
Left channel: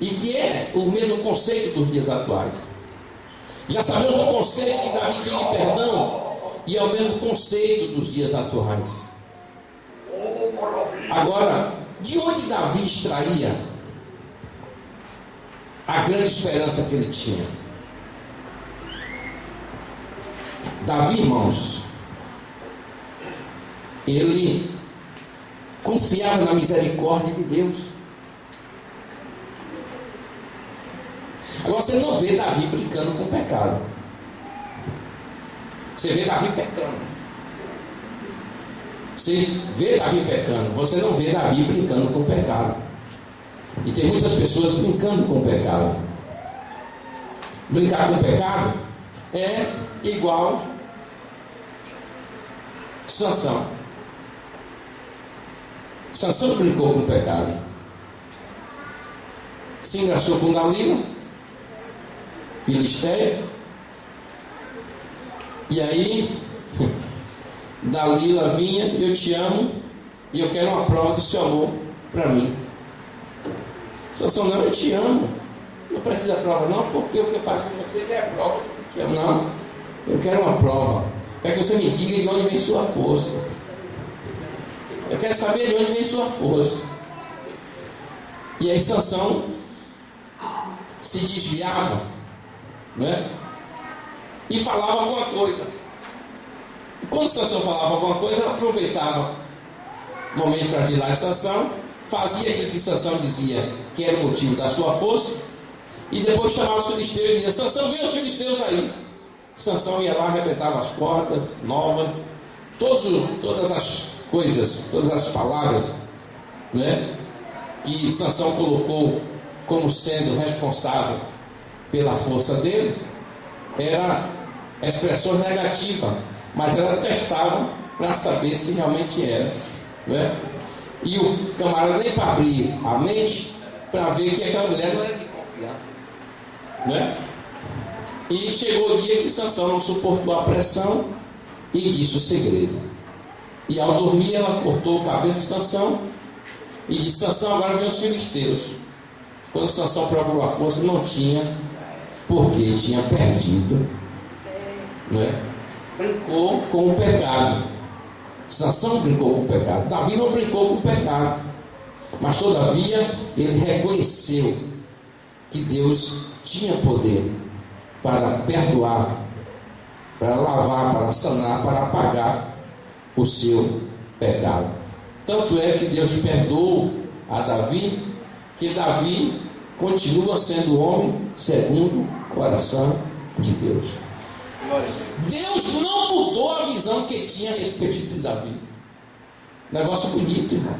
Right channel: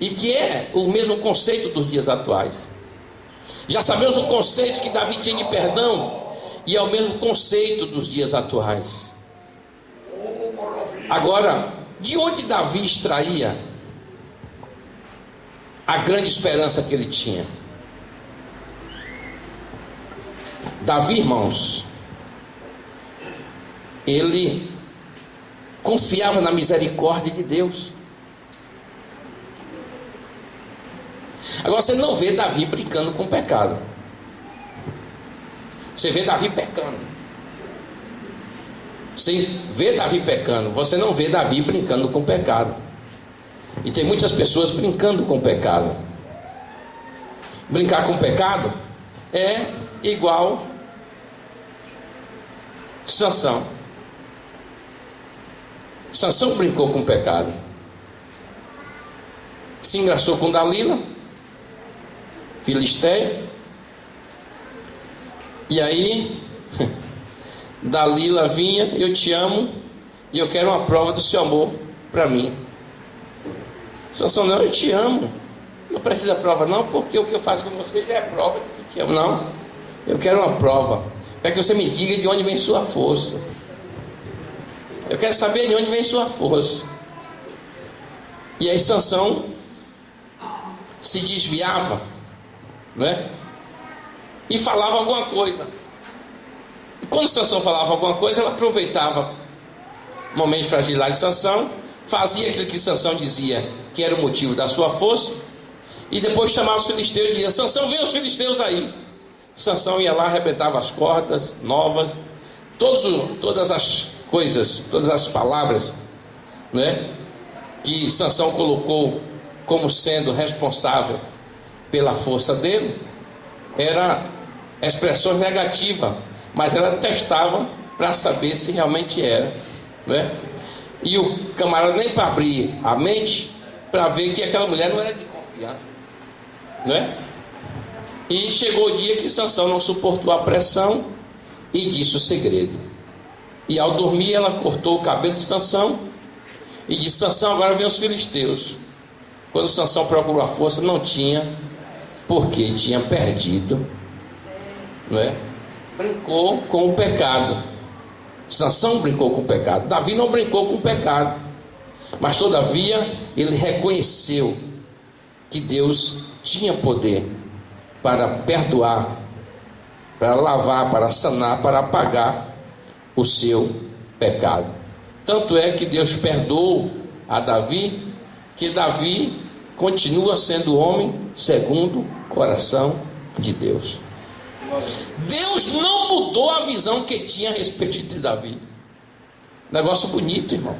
e que é o mesmo conceito dos dias atuais. Já sabemos o conceito que Davi tinha de perdão, e é o mesmo conceito dos dias atuais. Agora, de onde Davi extraía a grande esperança que ele tinha? Davi, irmãos, ele confiava na misericórdia de Deus. Agora você não vê Davi brincando com o pecado. Você vê Davi pecando. Você vê Davi pecando. Você não vê Davi brincando com o pecado. E tem muitas pessoas brincando com o pecado. Brincar com o pecado é igual Sansão. Sansão brincou com o pecado. Se engraçou com Dalila, Filisteia. E aí Dalila vinha: eu te amo e eu quero uma prova do seu amor para mim. Sansão: não, eu te amo, não precisa prova não, porque o que eu faço com você já é prova que eu te amo. Não, eu quero uma prova, para que você me diga de onde vem sua força. Eu quero saber de onde vem sua força. E aí Sansão se desviava, né? E falava alguma coisa. E quando Sansão falava alguma coisa, ela aproveitava o momento de fragilidade de Sansão, fazia aquilo que Sansão dizia que era o motivo da sua força, e depois chamava os filisteus e dizia: Sansão, vem os filisteus aí. Sansão ia lá, arrebentava as cordas novas, todas as coisas, todas as palavras, né, que Sansão colocou como sendo responsável pela força dele, era expressões negativas, mas elas testavam para saber se realmente era, né? E o camarada nem para abrir a mente para ver que aquela mulher não era de confiar, né? E chegou o dia que Sansão não suportou a pressão e disse o segredo. E ao dormir ela cortou o cabelo de Sansão e disse: Sansão, agora vem os filisteus. Quando Sansão procurou a força, não tinha, porque tinha perdido, né? Brincou com o pecado. Sansão brincou com o pecado. Davi não brincou com o pecado, mas todavia ele reconheceu que Deus tinha poder para perdoar, para lavar, para sanar, para apagar o seu pecado. Tanto é que Deus perdoou a Davi, que Davi continua sendo homem segundo o coração de Deus. Deus não mudou a visão que tinha a respeito de Davi. Negócio bonito, irmão.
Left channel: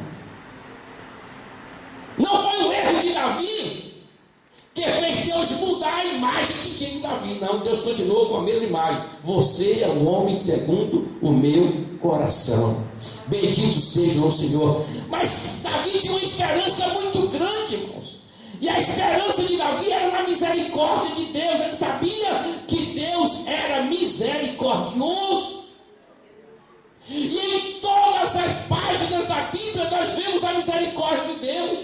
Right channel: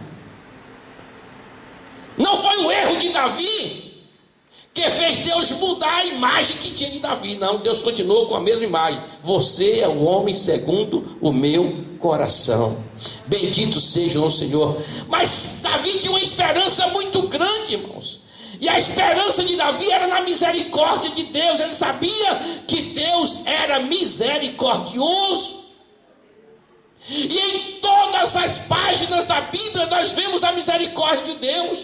Não foi o erro de Davi que fez Deus mudar a imagem que tinha de Davi. Não, Deus continuou com a mesma imagem. Você é um homem segundo o meu coração. Bendito seja o Senhor. Mas Davi tinha uma esperança muito grande, irmãos. E a esperança de Davi era na misericórdia de Deus. Ele sabia que Deus era misericordioso. E em todas as páginas da Bíblia nós vemos a misericórdia de Deus.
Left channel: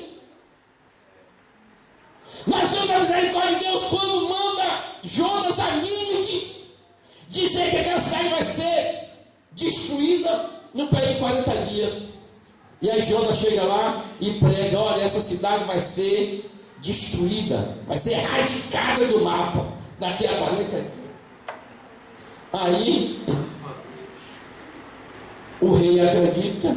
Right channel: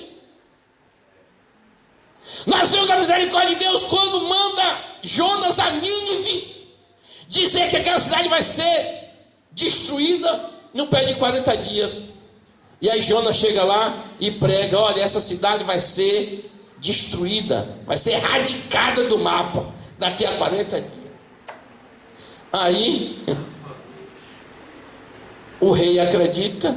Nós vemos a misericórdia de Deus quando manda Jonas a Nínive dizer que aquela cidade vai ser destruída não perde 40 dias. E aí Jonas chega lá e prega: olha, essa cidade vai ser destruída, vai ser erradicada do mapa daqui a 40 dias. Aí o rei acredita,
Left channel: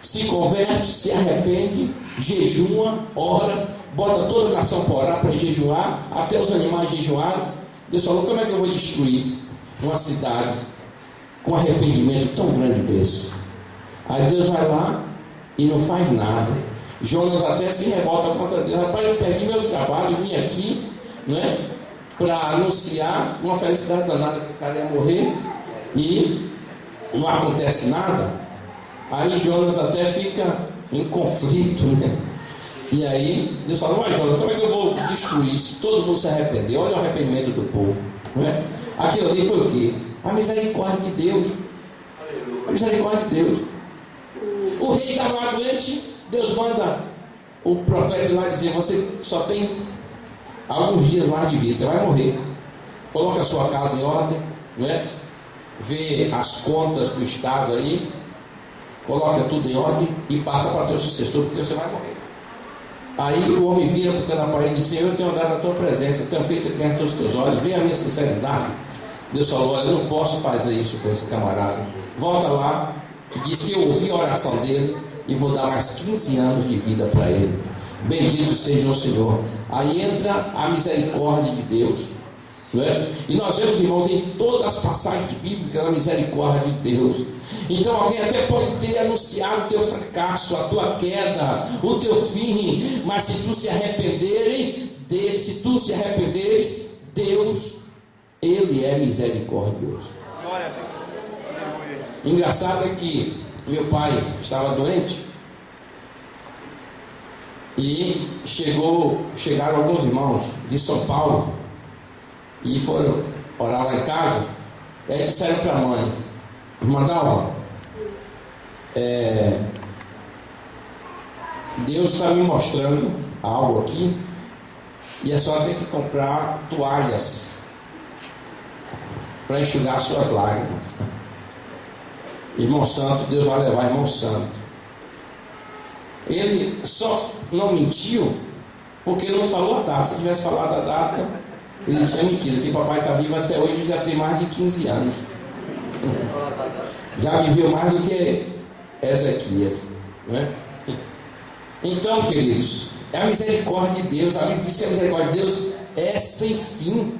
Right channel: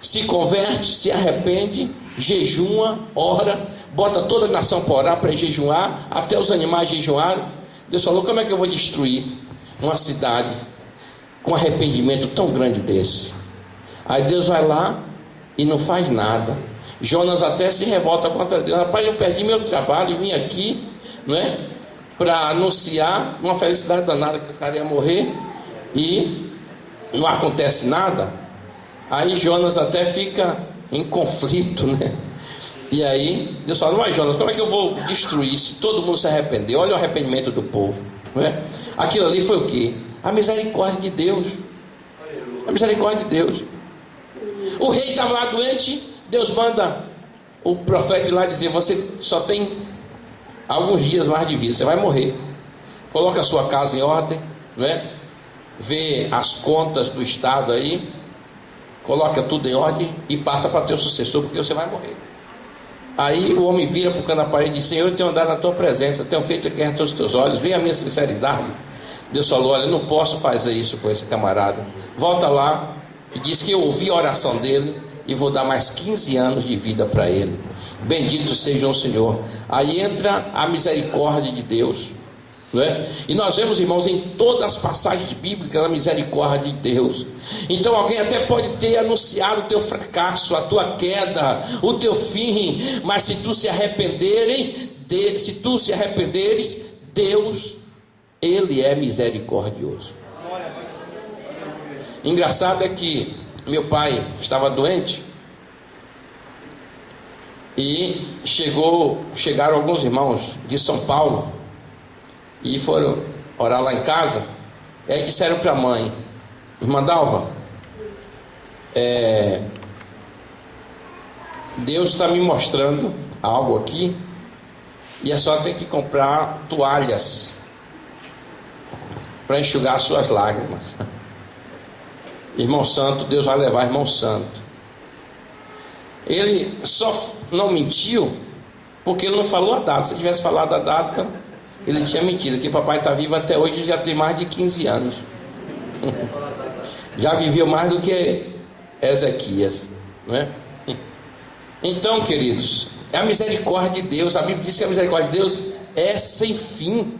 se converte, se arrepende, jejua, ora, bota toda a nação para orar, para jejuar, até os animais jejuaram. Deus falou: como é que eu vou destruir uma cidade com arrependimento tão grande desse? Aí Deus vai lá e não faz nada. Jonas até se revolta contra Deus: rapaz, eu perdi meu trabalho e vim aqui, não é, para anunciar uma felicidade danada que o cara ia morrer e não acontece nada. Aí Jonas até fica em conflito, né? E aí Deus fala: mas Jonas, como é que eu vou destruir se todo mundo se arrepender? Olha o arrependimento do povo, não é? Aquilo ali foi o quê? A misericórdia de Deus. A misericórdia de Deus. O rei estava lá doente, Deus manda o profeta ir lá dizer: você só tem alguns dias mais de vida, você vai morrer. Coloca a sua casa em ordem, não é? Vê as contas do estado aí, coloca tudo em ordem e passa para teu sucessor, porque você vai morrer. Aí o homem vira para o canto da parede e diz: Senhor, eu tenho andado na tua presença, tenho feito aqui aos teus olhos, vê a minha sinceridade. Deus falou: olha, eu não posso fazer isso com esse camarada. Volta lá e diz que eu ouvi a oração dele e vou dar mais 15 anos de vida para ele. Bendito seja o Senhor. Aí entra a misericórdia de Deus, não é? E nós vemos, irmãos, em todas as passagens bíblicas a misericórdia de Deus. Então alguém até pode ter anunciado o teu fracasso, a tua queda, o teu fim, mas se tu se arrependeres, Deus, Ele é misericordioso. Engraçado é que meu pai estava doente e chegaram alguns irmãos de São Paulo e foram orar lá em casa. E aí disseram para a mãe: irmã Dalva, Deus está me mostrando algo aqui e a senhora tem que comprar toalhas para enxugar suas lágrimas. Irmão Santo, Deus vai levar irmão Santo. Ele só não mentiu porque ele não falou a data. Se tivesse falado a data, ele tinha mentido. Que papai está vivo até hoje, já tem mais de 15 anos. Já viveu mais do que Ezequias, não é? Então, queridos, é a misericórdia de Deus. A Bíblia diz que a misericórdia de Deus é sem fim.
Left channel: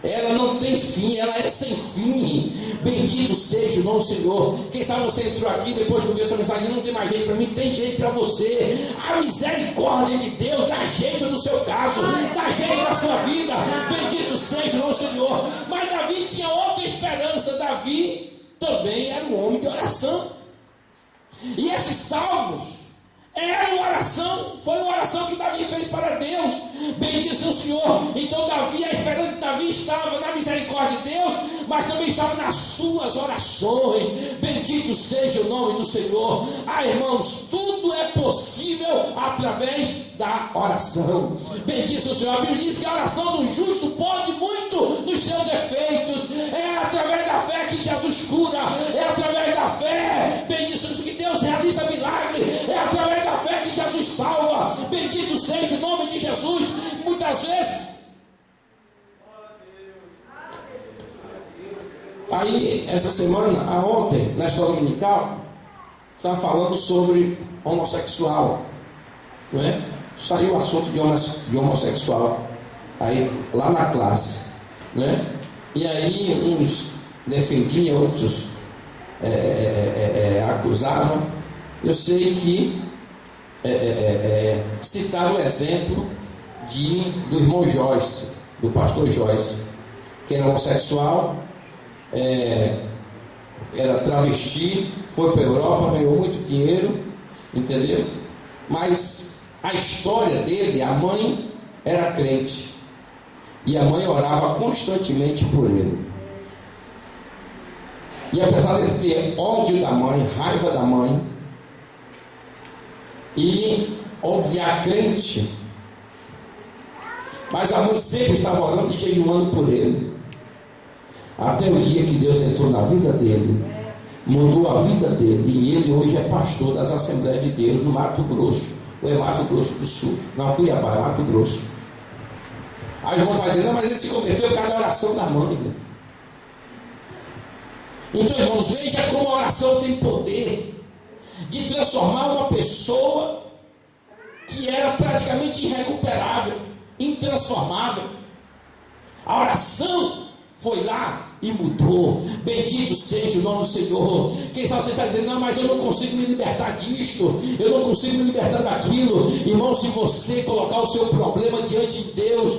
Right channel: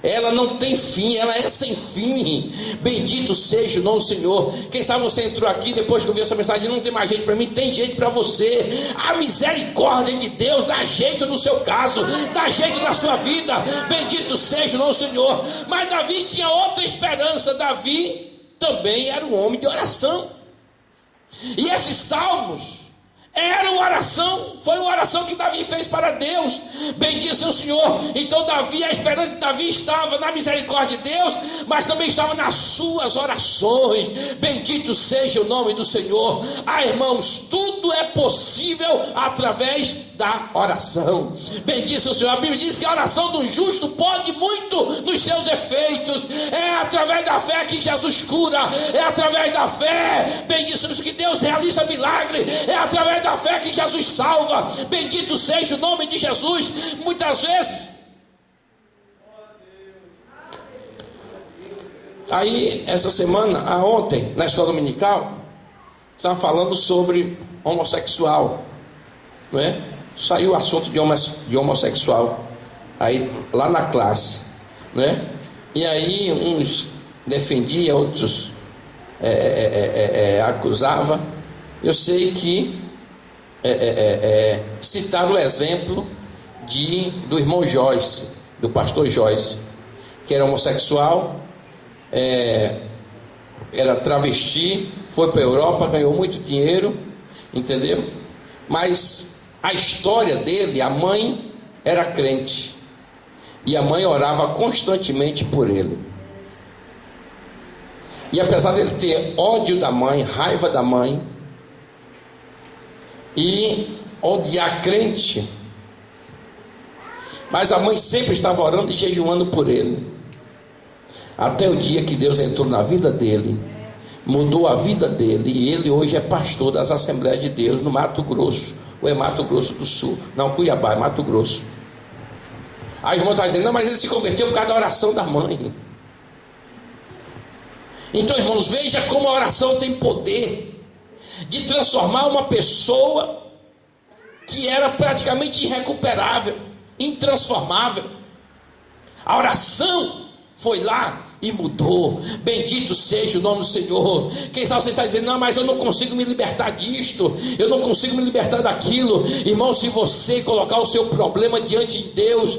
Ela não tem fim, ela é sem fim. Bendito seja o nome do Senhor. Quem sabe você entrou aqui depois que eu vi essa mensagem: não tem mais jeito para mim, tem jeito para você. A misericórdia de Deus dá jeito no seu caso, dá jeito na sua vida. Bendito seja o nome do Senhor. Mas Davi tinha outra esperança. Davi também era um homem de oração. E esses salmos era uma oração, foi uma oração que Davi fez para Deus. Bendito seja o Senhor. Então Davi, a esperança de Davi estava na misericórdia de Deus, mas também estava nas suas orações. Bendito seja o nome do Senhor. Irmãos, tudo é possível através da oração. Bendito seja o Senhor. A Bíblia diz que a oração do justo pode muito nos seus efeitos. É através da fé que Jesus cura, é através da fé, bendito seja o Senhor, que Deus realiza milagre, é através da fé que Jesus salva. Bendito seja o nome de Jesus. Muitas vezes aí, essa semana, ontem, na escola dominical, estava falando sobre homossexual, não é? Saiu o assunto de homossexual aí lá na classe, né? E aí uns defendiam, outros acusavam. Eu sei que citaram o exemplo do irmão Joyce, do pastor Joyce, que era homossexual, era travesti, foi para a Europa, ganhou muito dinheiro, entendeu? Mas a história dele, a mãe era crente e a mãe orava constantemente por ele. E apesar dele ter ódio da mãe, raiva da mãe e odiar crente, mas a mãe sempre estava orando e jejuando por ele. Até o dia que Deus entrou na vida dele, mudou a vida dele, e ele hoje é pastor das Assembleias de Deus no Mato Grosso, ou é Mato Grosso do Sul? Não, Cuiabá, é Mato Grosso. Aí o irmão está dizendo, não, mas ele se converteu por causa da oração da mãe. Então, irmãos, veja como a oração tem poder de transformar uma pessoa que era praticamente irrecuperável, intransformável. A oração foi lá e mudou. Bendito seja o nome do Senhor. Quem sabe você está dizendo, não, mas eu não consigo me libertar disto, eu não consigo me libertar daquilo. Irmão, se você colocar o seu problema diante de Deus,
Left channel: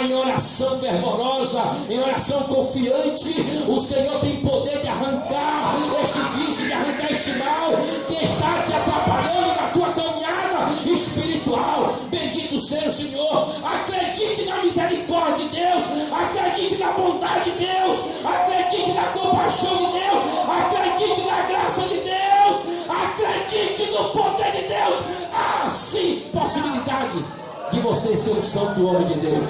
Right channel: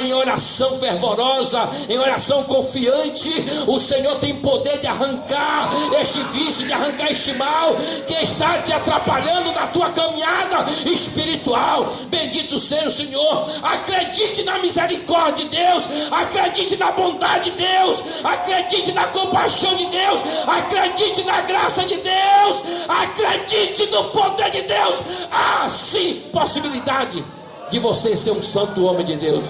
em oração fervorosa, em oração confiante, o Senhor tem poder de arrancar este vício, de arrancar este mal que está te atrapalhando na tua caminhada espiritual. Bendito seja o Senhor. Acredite na misericórdia de Deus, acredite na bondade de Deus, acredite na compaixão de Deus, acredite na graça de Deus, acredite no poder de Deus. Há sim possibilidade de você ser um santo homem de Deus,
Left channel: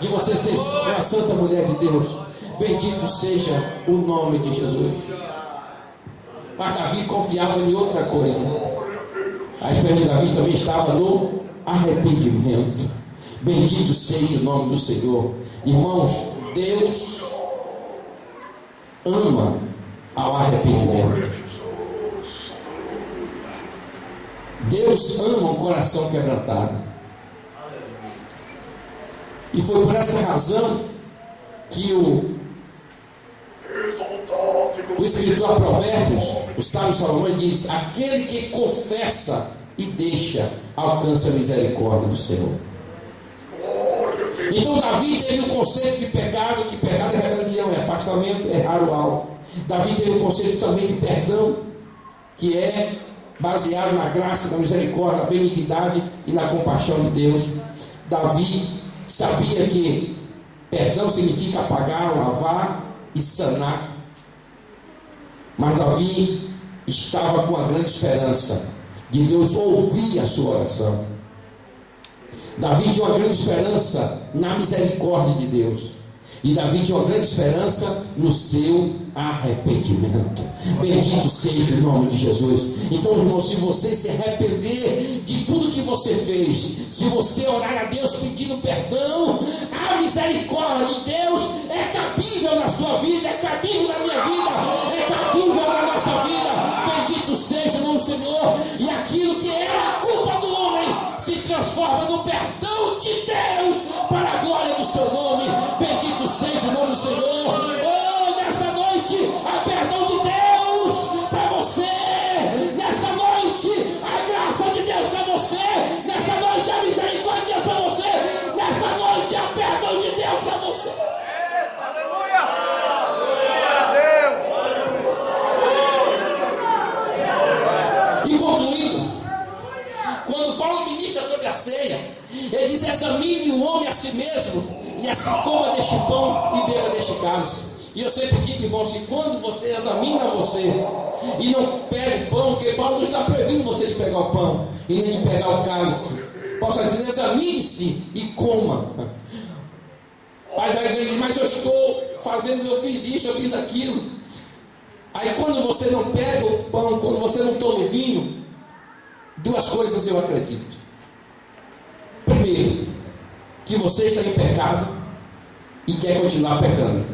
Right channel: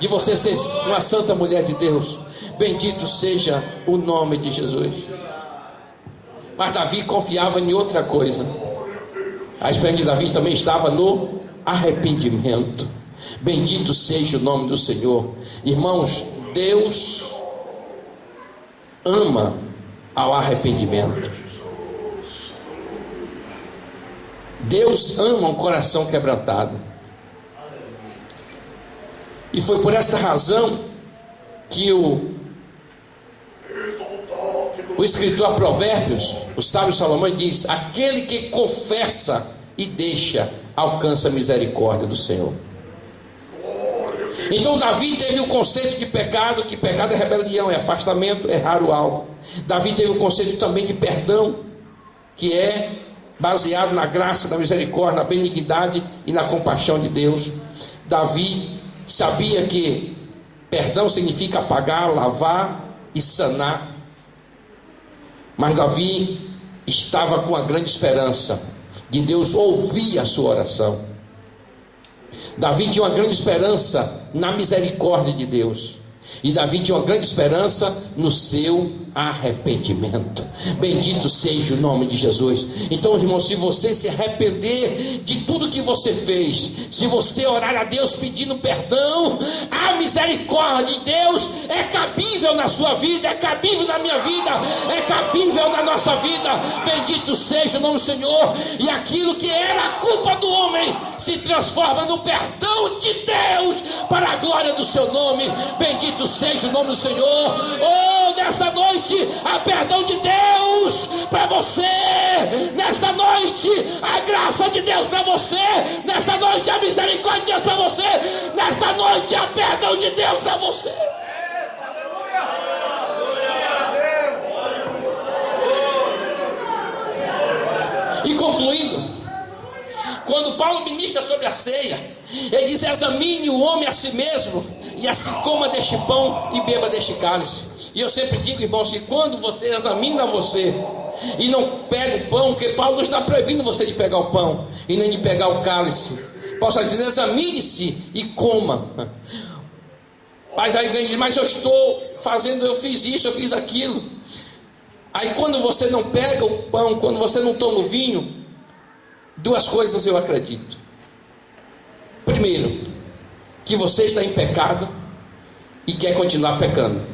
de você ser uma santa mulher de Deus. Bendito seja o nome de Jesus. Mas Davi confiava em outra coisa. A esperança de Davi também estava no arrependimento. Bendito seja o nome do Senhor. Irmãos, Deus ama ao arrependimento. Deus ama um coração quebrantado. E foi por essa razão que o escritor a Provérbios, o sábio Salomão, diz: aquele que confessa e deixa alcança a misericórdia do Senhor. Então Davi teve o conceito de pecado, que pecado é rebelião, é afastamento, é errar o alvo. Davi teve o conceito também de perdão, que é baseado na graça, na misericórdia, na benignidade e na compaixão de Deus. Davi sabia que perdão significa apagar, lavar e sanar. Mas Davi estava com a grande esperança de Deus ouvir a sua oração. Davi tinha uma grande esperança na misericórdia de Deus. E Davi tinha uma grande esperança no seu arrependimento. Bendito seja o nome de Jesus. Então, irmão, se você se arrepender de tudo que você fez, se você orar a Deus pedindo perdão, a misericórdia de Deus é cabível na sua vida, é cabível na minha vida, é cabível na nossa vida. Bendito seja o nome do Senhor. E aquilo que era a culpa do homem se transforma no perdão de Deus para a glória do seu nome. Bendito seja o nome do Senhor. Oh, nesta noite, a perdão de Deus para você. Nesta noite, a graça de Deus para você. nesta noite a misericórdia de Deus para você, nesta noite a perdão de Deus para você. E concluindo, quando Paulo ministra sobre a ceia, ele diz: examine o homem a si mesmo, e assim coma deste pão e beba deste cálice. E eu sempre digo, irmãos, que quando você examina você e não pega o pão, porque Paulo não está proibindo você de pegar o pão e nem de pegar o cálice. Paulo está dizendo: examine-se e coma. Mas aí ele diz: mas eu estou fazendo, eu fiz isso, eu fiz aquilo. Aí quando você não pega o pão, quando você não toma o vinho, duas coisas eu acredito. Primeiro, que você está em pecado e quer continuar pecando,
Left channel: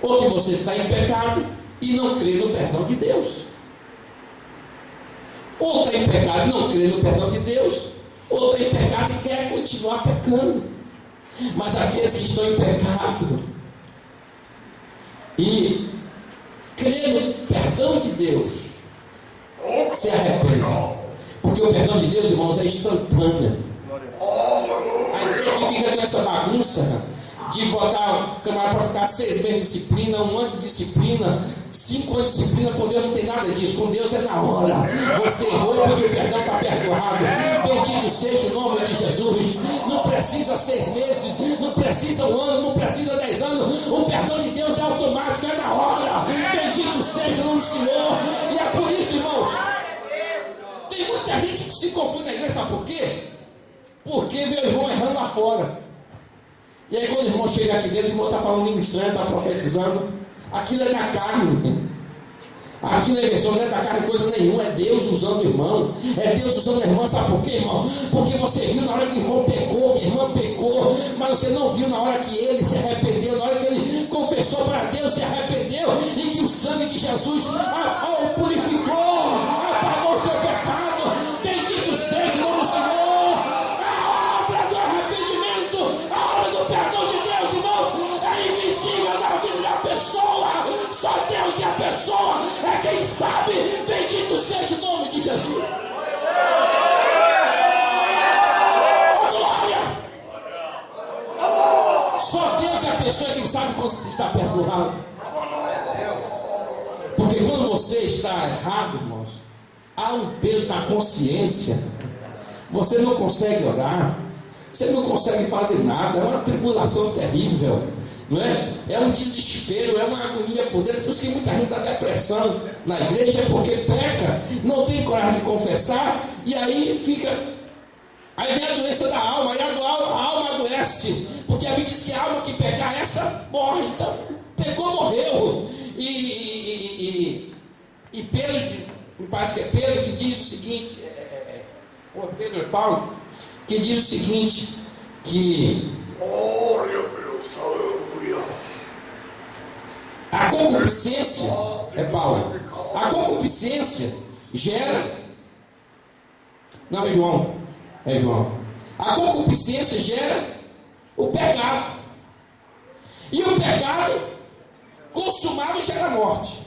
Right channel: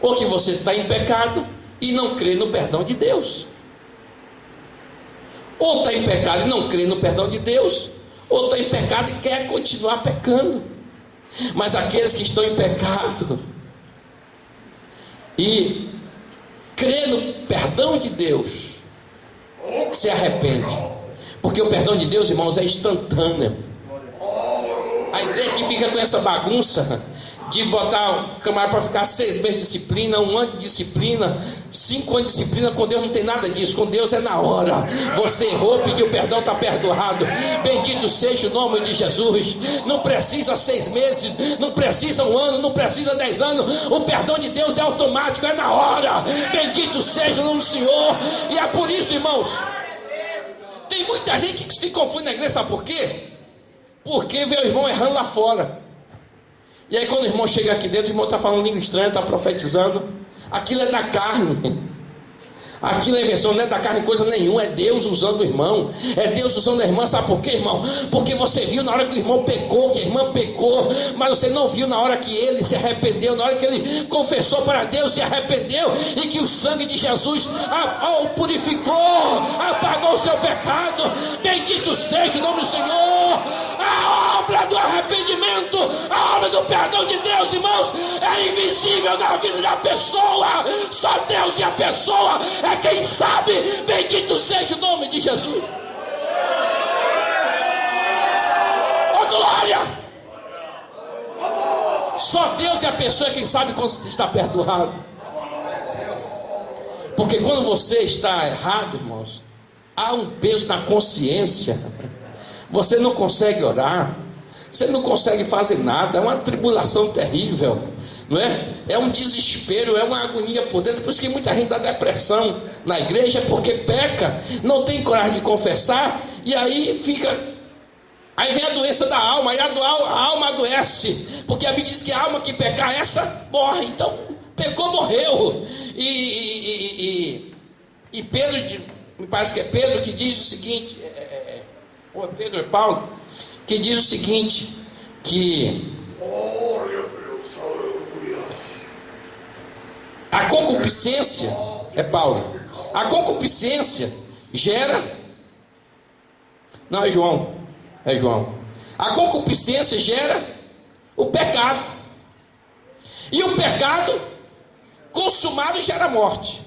ou que você está em pecado e não crê no perdão de Deus. Ou está em pecado e não crê no perdão de Deus, ou está em pecado e quer continuar pecando. Mas aqueles que estão em pecado e crê no perdão de Deus, se arrepende, porque o perdão de Deus, irmãos, é instantâneo. A igreja que fica com essa bagunça de botar o camarada para ficar 6 meses de disciplina, 1 ano de disciplina, 5 anos de disciplina. Com Deus não tem nada disso. Com Deus é na hora. Você errou, pediu perdão, está perdoado. Bendito seja o nome de Jesus. Não precisa 6 meses, não precisa 1 ano, não precisa 10 anos. O perdão de Deus é automático, é na hora. Bendito seja o nome do Senhor. E é por isso, irmãos, tem muita gente que se confunde na igreja. Sabe por quê? Porque vê o irmão errando lá fora E aí quando o irmão chega aqui dentro, o irmão está falando língua estranha, está profetizando. Aquilo é da carne. Aquilo é invenção, não é da carne coisa nenhuma. É Deus usando o irmão. É Deus usando a irmã. Sabe por quê, irmão? Porque você viu na hora que o irmão pecou, que a irmã pecou, mas você não viu na hora que ele se arrependeu, na hora que ele confessou para Deus, se arrependeu, e que o sangue de Jesus o purificou, apagou o seu pecado. Bendito seja o nome do Senhor. A obra do arrependimento, a obra do perdão de Deus, irmãos, é invisível na vida da pessoa. Só Deus e a pessoa é quem sabe. Bendito seja o nome de Jesus. Oh, glória! Só Deus e a pessoa é quem sabe quando está perdoado. Porque quando você está errado, irmãos, há um peso na consciência. Você não consegue orar, você não consegue fazer nada, é uma tribulação terrível, não é? É um desespero, é uma agonia por dentro. Por isso que muita gente dá depressão na igreja, porque peca, não tem coragem de confessar, e aí fica. Aí vem a doença da alma, aí a alma adoece, porque a Bíblia diz que a alma que pecar, essa morre. Então, pecou, morreu. E Pedro, me parece que é Pedro que diz o seguinte, ou Pedro é Paulo, que diz o seguinte, que Glória a Deus, aleluia. a concupiscência, é Paulo, a concupiscência gera, não, é João, a concupiscência gera o pecado, e o pecado consumado gera morte.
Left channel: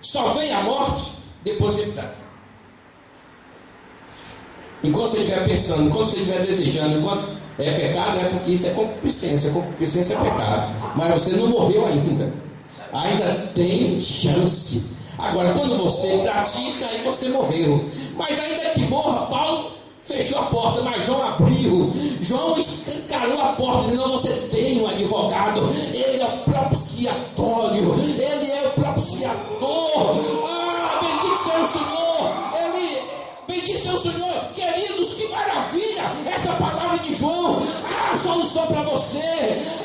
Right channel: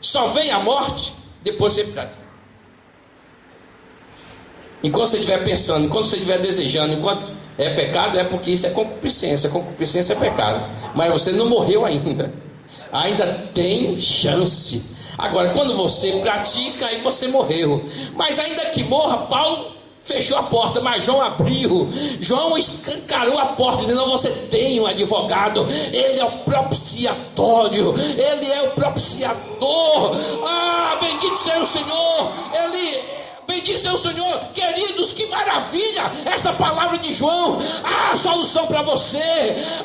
Só vem a morte depois do pecado. Enquanto você estiver pensando, enquanto você estiver desejando, enquanto é pecado, é porque isso é concupiscência. Concupiscência é pecado. Mas você não morreu ainda. Ainda tem chance. Agora, quando você pratica, aí você morreu. Mas ainda que morra, Paulo fechou a porta, mas João abriu. João escancarou a porta, dizendo: você tem um advogado, ele é o propiciatório, ele é o propiciador. Bendito seja o Senhor. Bendito seja o Senhor. Queridos, que maravilha essa palavra de João. Há solução para você,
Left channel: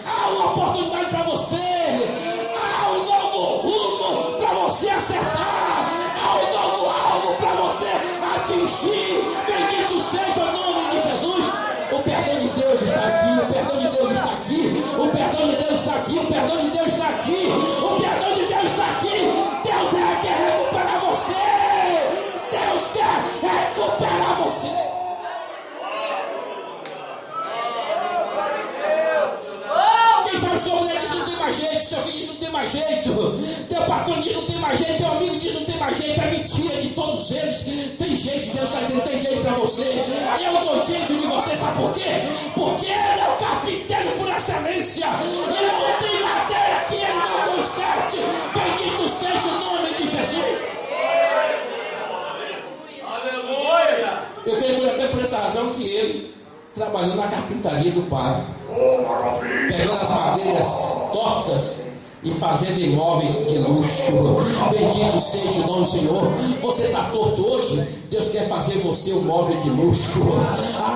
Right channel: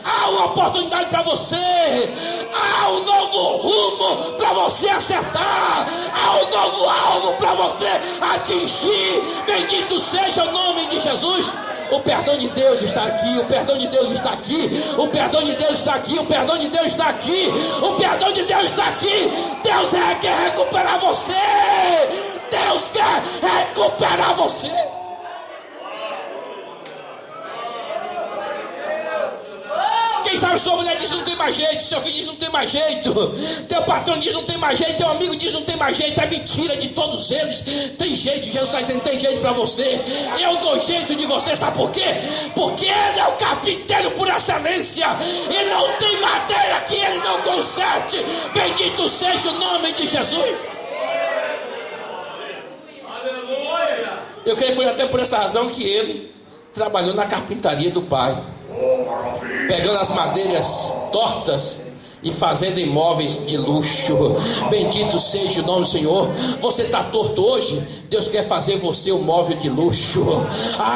há uma oportunidade para você, há um novo rumo para você acertar, há um novo alvo para você atingir. Bendito seja o nome de Jesus. O perdão de Deus está aqui, o perdão de Deus está aqui, o perdão de Deus está aqui, o perdão de Deus está aqui, o perdão de Deus está aqui. Deus quer recuperar você. Deus quer recuperar você. Quem sabe sua mulher diz: não tem mais jeito, seu filho diz: não tem mais jeito, teu patrão diz: não tem mais jeito, teu amigo diz: não tem mais jeito. É mentira de todos eles. Tem jeito. Jesus está dizendo: tem jeito para você. Eu dou jeito de você. Sabe por quê? Porque Ele é o carpinteiro por excelência, e não tem madeira que Ele não conserte. Bendito seja o nome de Jesus. Eu creio que foi até por essa razão que ele trabalhou na carpintaria do pai, pegando as madeiras tortas e fazendo imóveis de luxo. Bendito seja o nome do Senhor. Você está torto hoje, Deus quer fazer você um móvel de luxo.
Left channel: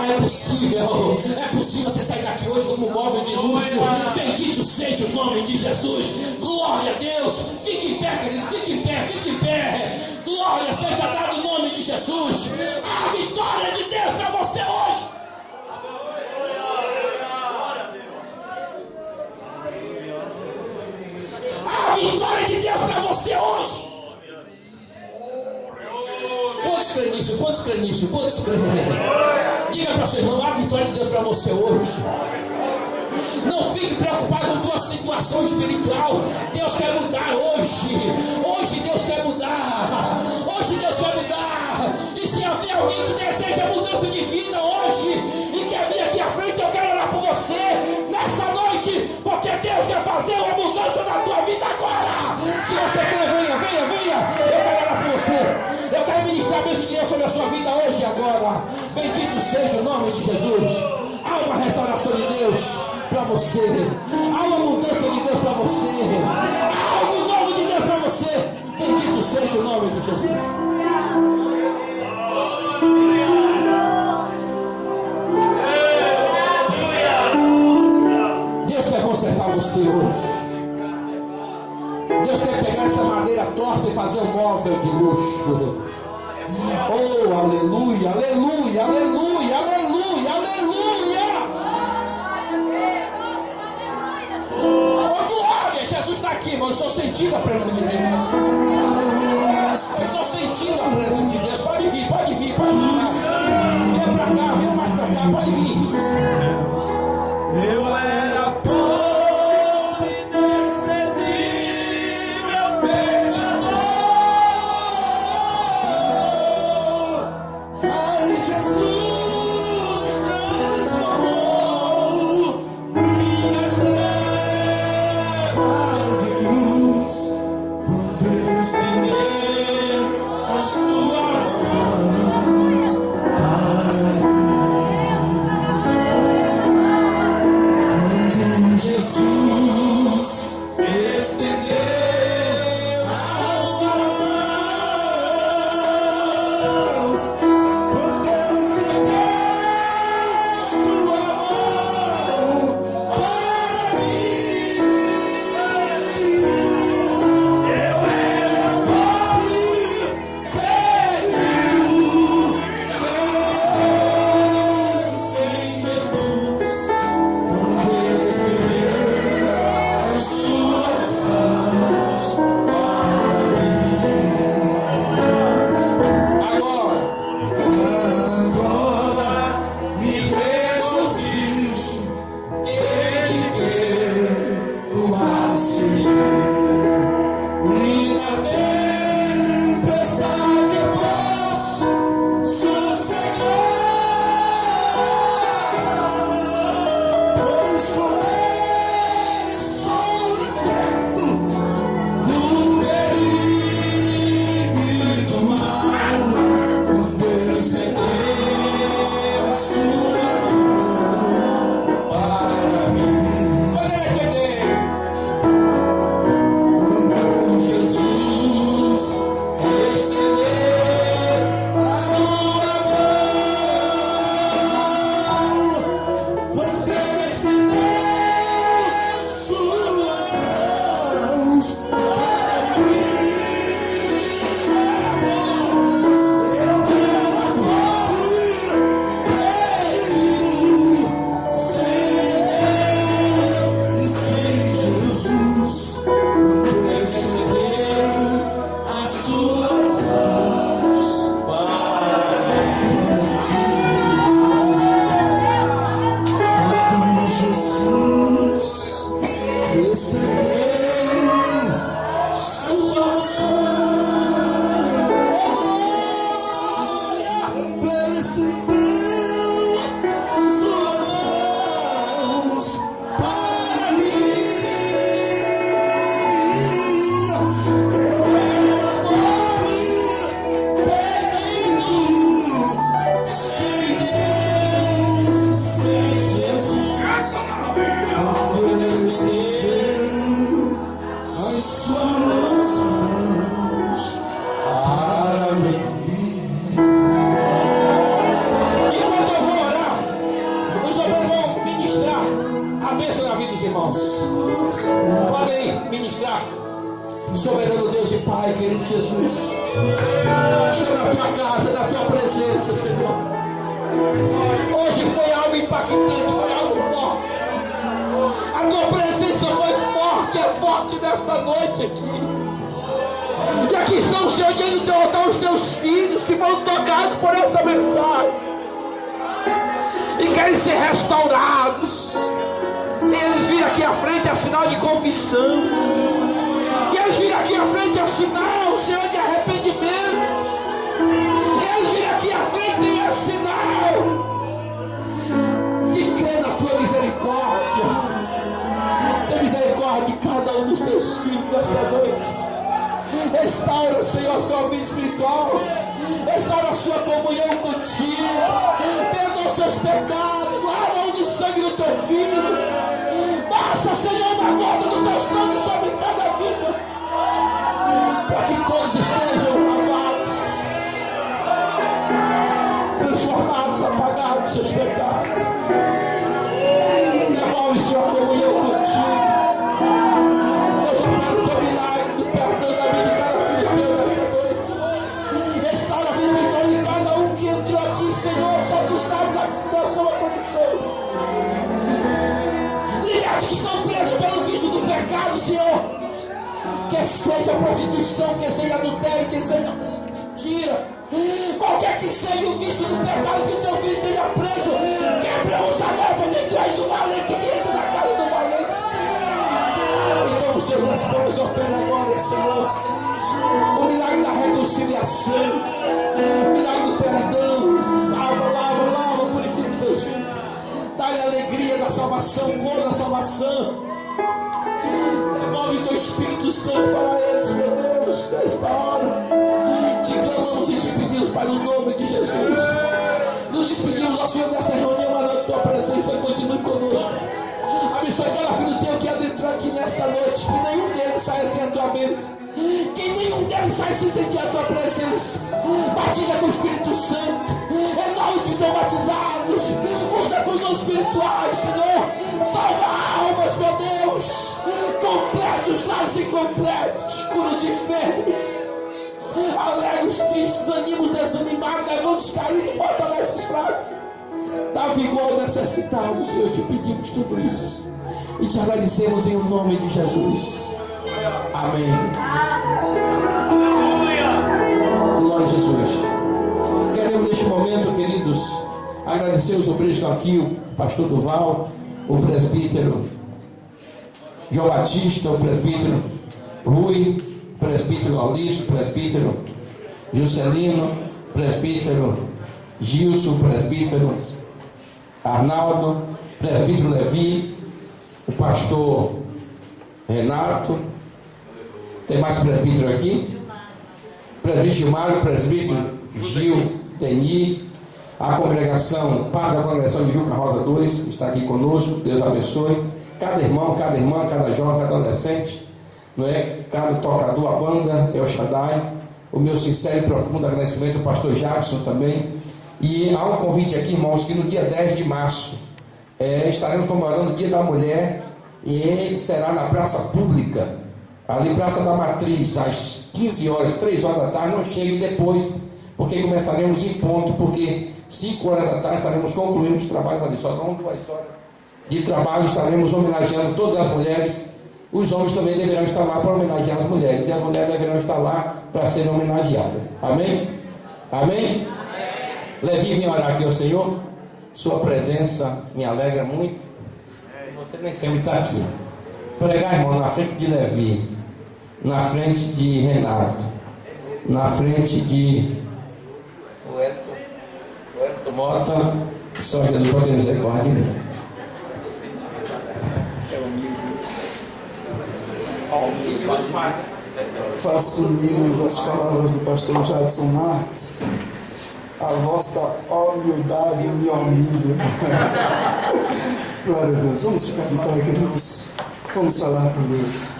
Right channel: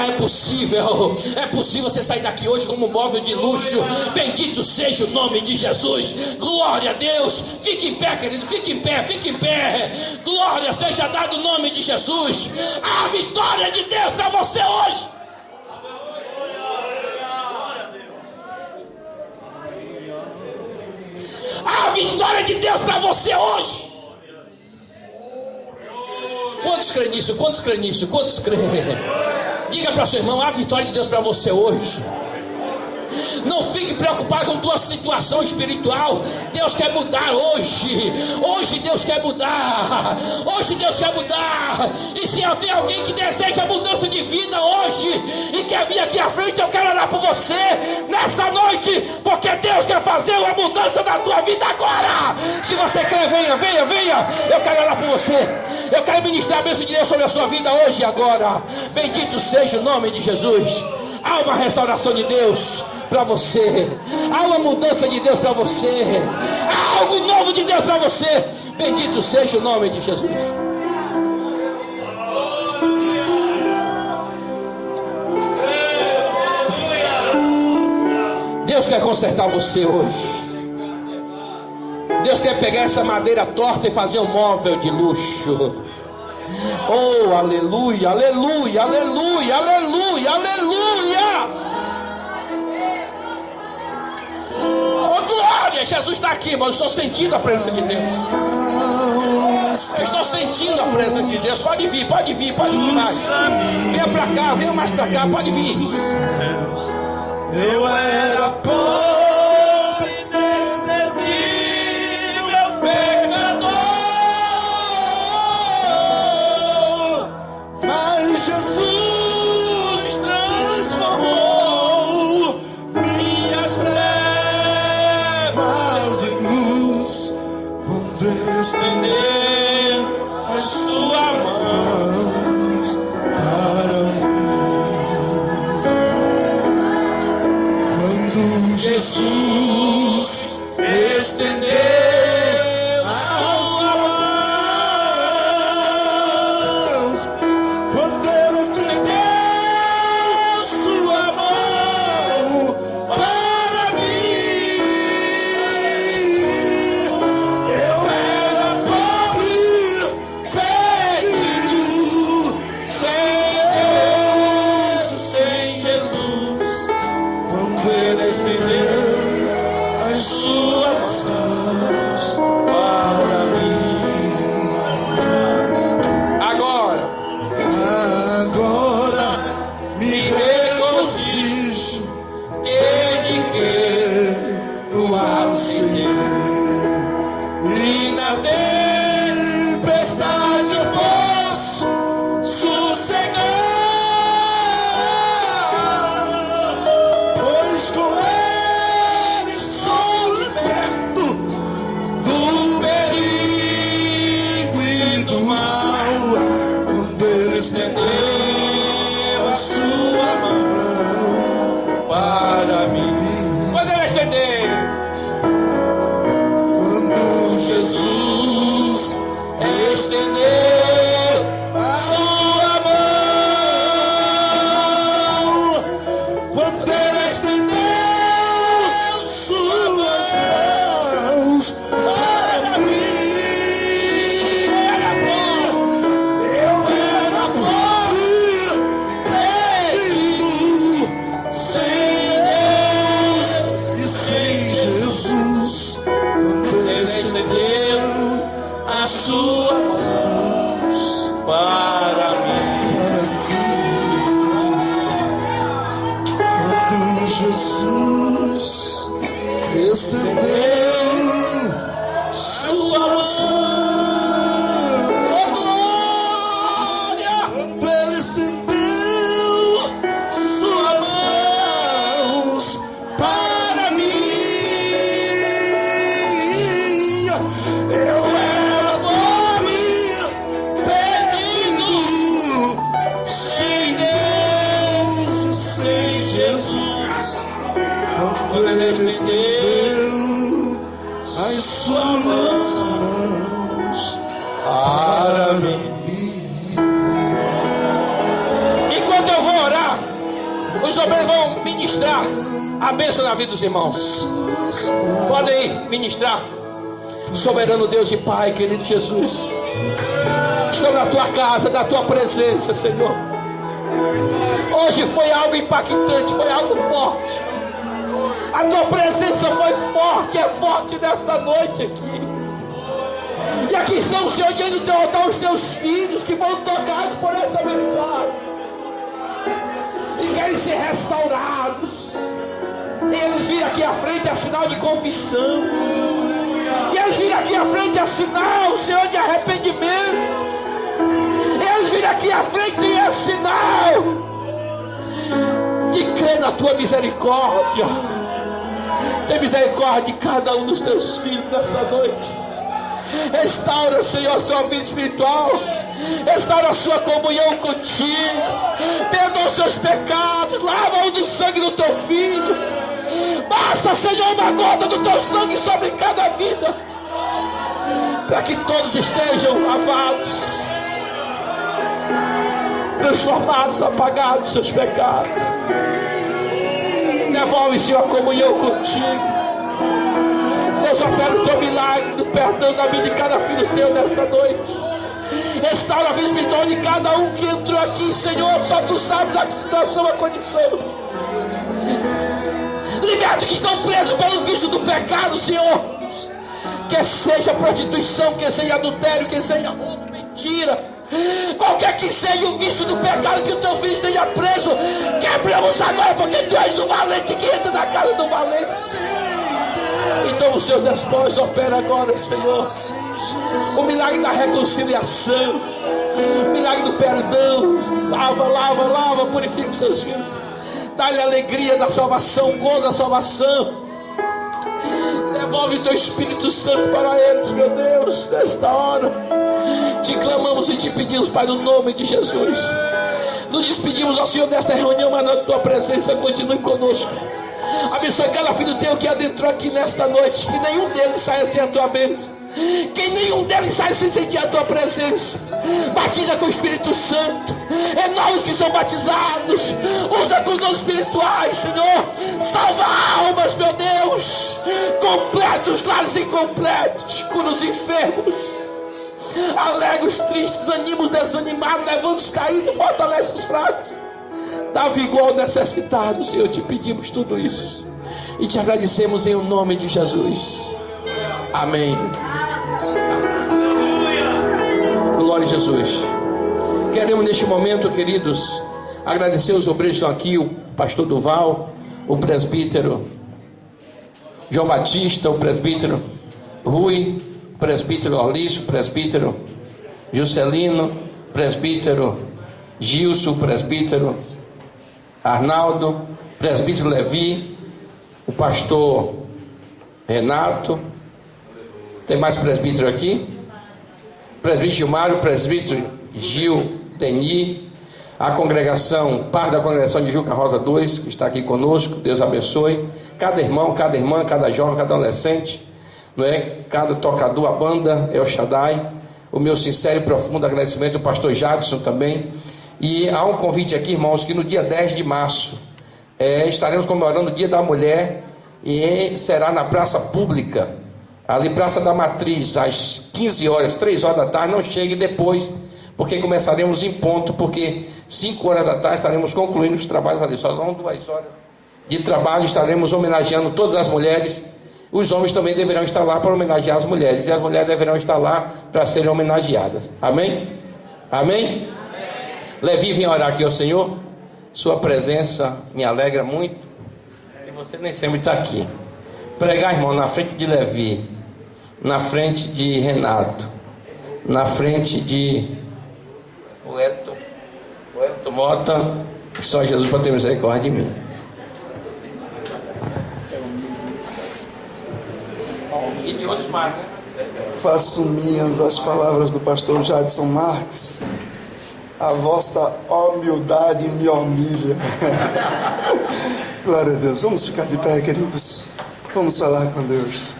É possível você sair daqui hoje como um móvel de luxo. Bendito seja o nome de Jesus. Glória a Deus. Fique em pé, querido, fique em pé, fique em pé. Glória seja dado o nome de Jesus. A vitória de Deus para você hoje. A vitória de Deus para você hoje. Quantos creem nisso? Quantos creem nisso? Quantos creem? Diga para seu irmão: a vitória de Deus para você hoje. Não fique preocupado com tua situação espiritual. Deus quer mudar hoje. Hoje Deus quer mudar. Hoje Deus quer mudar. E se tem alguém que deseja mudança de vida hoje e quer vir aqui à frente, eu quero orar por você nesta noite, porque Deus quer fazer uma mudança na tua vida agora. Se você quer, venha. Eu quero orar por você. Eu quero ministrar a bênção de Deus sobre a sua vida hoje e agora. Bendito seja o nome de Jesus. Há uma restauração de Deus para você, há uma mudança de Deus para você, há algo novo de Deus para você. Bendito seja o nome de Jesus. consertar você hoje. Deus quer pegar essa madeira torta e fazer um móvel de luxo. Oh, aleluia, aleluia, aleluia, aleluia, aleluia. Oh, glória, Jesus está aqui, mas eu estou sentindo a presença de Deus. Eu estou sentindo a presença de Deus. Pode vir, pode vir, pode vir mais. Venha para cá, venha mais para cá, pode vir. Eu era pobre, desprezível, pecador, mas Jesus transformou minhas trevas em luz, quando Ele estendeu as suas mãos para mim. Jesus estendeu as suas mãos, quando Ele estendeu sua mão para mim. Eu era pobre, perdido, sem Jesus, quando Ele estendeu as suas mãos para mim. Agora me regozijo em que o aceitei, e na tempestade eu posso sossegar, pois com Ele sou liberto do perigo e do mal, quando Ele estendeu a sua mão para mim. Quando Ele estender, Quando Jesus estender a sua mão, quando Ele estender suas mãos para mim. Eu era pobre, perdido, sem Deus e sem Jesus, quando Ele estendeu as suas mãos para mim. Quando Jesus estendeu suas mãos, quando Ele estendeu suas mãos para mim. Eu era pobre, perdido, sem Deus, sem Jesus, quando Ele estendeu as suas mãos para mim. enquanto eu vou orar, os obreiros vão ministrar a bênção na vida dos irmãos. Podem ir ministrar. Soberano Deus e Pai, querido Jesus, estou na tua casa, na tua presença, Senhor. Hoje foi algo impactante, foi algo forte. A tua presença foi forte, é forte nesta noite aqui. E aqui estão, Senhor, diante do teu altar os teus filhos que vão tocados por essa mensagem e querem ser restaurados. Eles viram aqui à frente a sinal de confissão, e eles viram aqui à frente a sinal, Senhor, de arrependimento. Eles viram aqui à frente a sinal de crer na tua misericórdia. Tem misericórdia de cada um dos teus filhos nessa noite. Restaura, Senhor, a sua vida espiritual. Restaura a sua comunhão contigo. Perdoa os seus pecados. Lava-o do sangue do teu filho. Basta, Senhor, uma gota do teu sangue sobre cada vida, para que todos estejam lavados, transformados, apagados seus pecados. Devolve Desenvolve, Senhor, a comunhão contigo. Deus, opera o teu milagre do perdão da vida de cada filho teu nesta noite. Restaura a vida espiritual de cada um que entrou aqui, Senhor. Só tu sabes a situação, a condição. Liberta os que estão presos pelo vício do pecado, Senhor. Quer seja prostituição, quer seja adultério, quer seja mentira, qualquer que seja o vício do pecado que o teu filho esteja preso, quebramos agora, porque tu és o valente que entra na casa do valente. Então os seus despojos opera agora, Senhor. O milagre da reconciliação, o milagre do perdão. Lava, purifica os teus filhos. Dá-lhe a alegria da salvação, goza da salvação. Devolve o teu Espírito Santo para eles, meu Deus, nesta hora. Te clamamos e te pedimos, Pai, no nome de Jesus. Nos despedimos, ó Senhor, desta reunião, mas na tua presença continue conosco. Abençoe cada filho teu que adentrou aqui nesta noite. Que nenhum deles saia sem a tua bênção. Que nenhum deles saia sem sentir a tua presença. Batiza com o Espírito Santo. Renova os que são batizados. Usa com os dons espirituais, Senhor. Salva almas, meu Deus. Completa os lares incompletos. Cura os enfermos. Alegra os tristes. Anima os desanimados. Levanta os caídos. Fortalece os fracos. Dá vigor ao necessitado, Senhor. Te pedimos tudo isso e te agradecemos em o nome de Jesus. Amém. Glória a Jesus. Queremos neste momento, queridos, agradecer os obreiros que estão aqui, o pastor Duval, o presbítero João Batista, o presbítero Rui, o presbítero Orlício, o presbítero Juscelino, o presbítero Gilson, o presbítero Arnaldo, o presbítero Levi, o pastor Renato. Tem mais presbítero aqui? Presbítero Gilmário, o presbítero Gil, Deni, a congregação, parte da congregação de Juca Rosa 2, que está aqui conosco. Deus abençoe cada irmão, cada irmã, cada jovem, cada adolescente, não é? Cada tocador, a banda El Shaddai. O meu sincero e profundo agradecimento ao pastor Jadson também. E há um convite aqui, irmãos, que no dia 10 de março estaremos comemorando o Dia da Mulher, e será na praça pública, ali Praça da Matriz, às 15 horas, 3 horas da tarde. Não chegue depois, porque começaremos em ponto, porque 5 horas da tarde estaremos concluindo os trabalhos ali. Só dão 2 horas de trabalho. Estaremos homenageando todas as mulheres. Os homens também deverão estar lá para homenagear as mulheres, e as mulheres deverão estar lá para serem homenageadas. Amém? Amém? Levi, vem orar aqui ao Senhor. Sua presença me alegra muito, e você nem sempre está aqui. Pregar, irmão, na frente de Levi, na frente de Renato, na frente de o Elton Mota. Só Jesus para ter misericórdia de mim. Faço minhas as palavras do pastor Jadson Marques. A vossa humildade me humilha. Glória a Deus. Vamos ficar de pé, queridos. Vamos falar com Deus.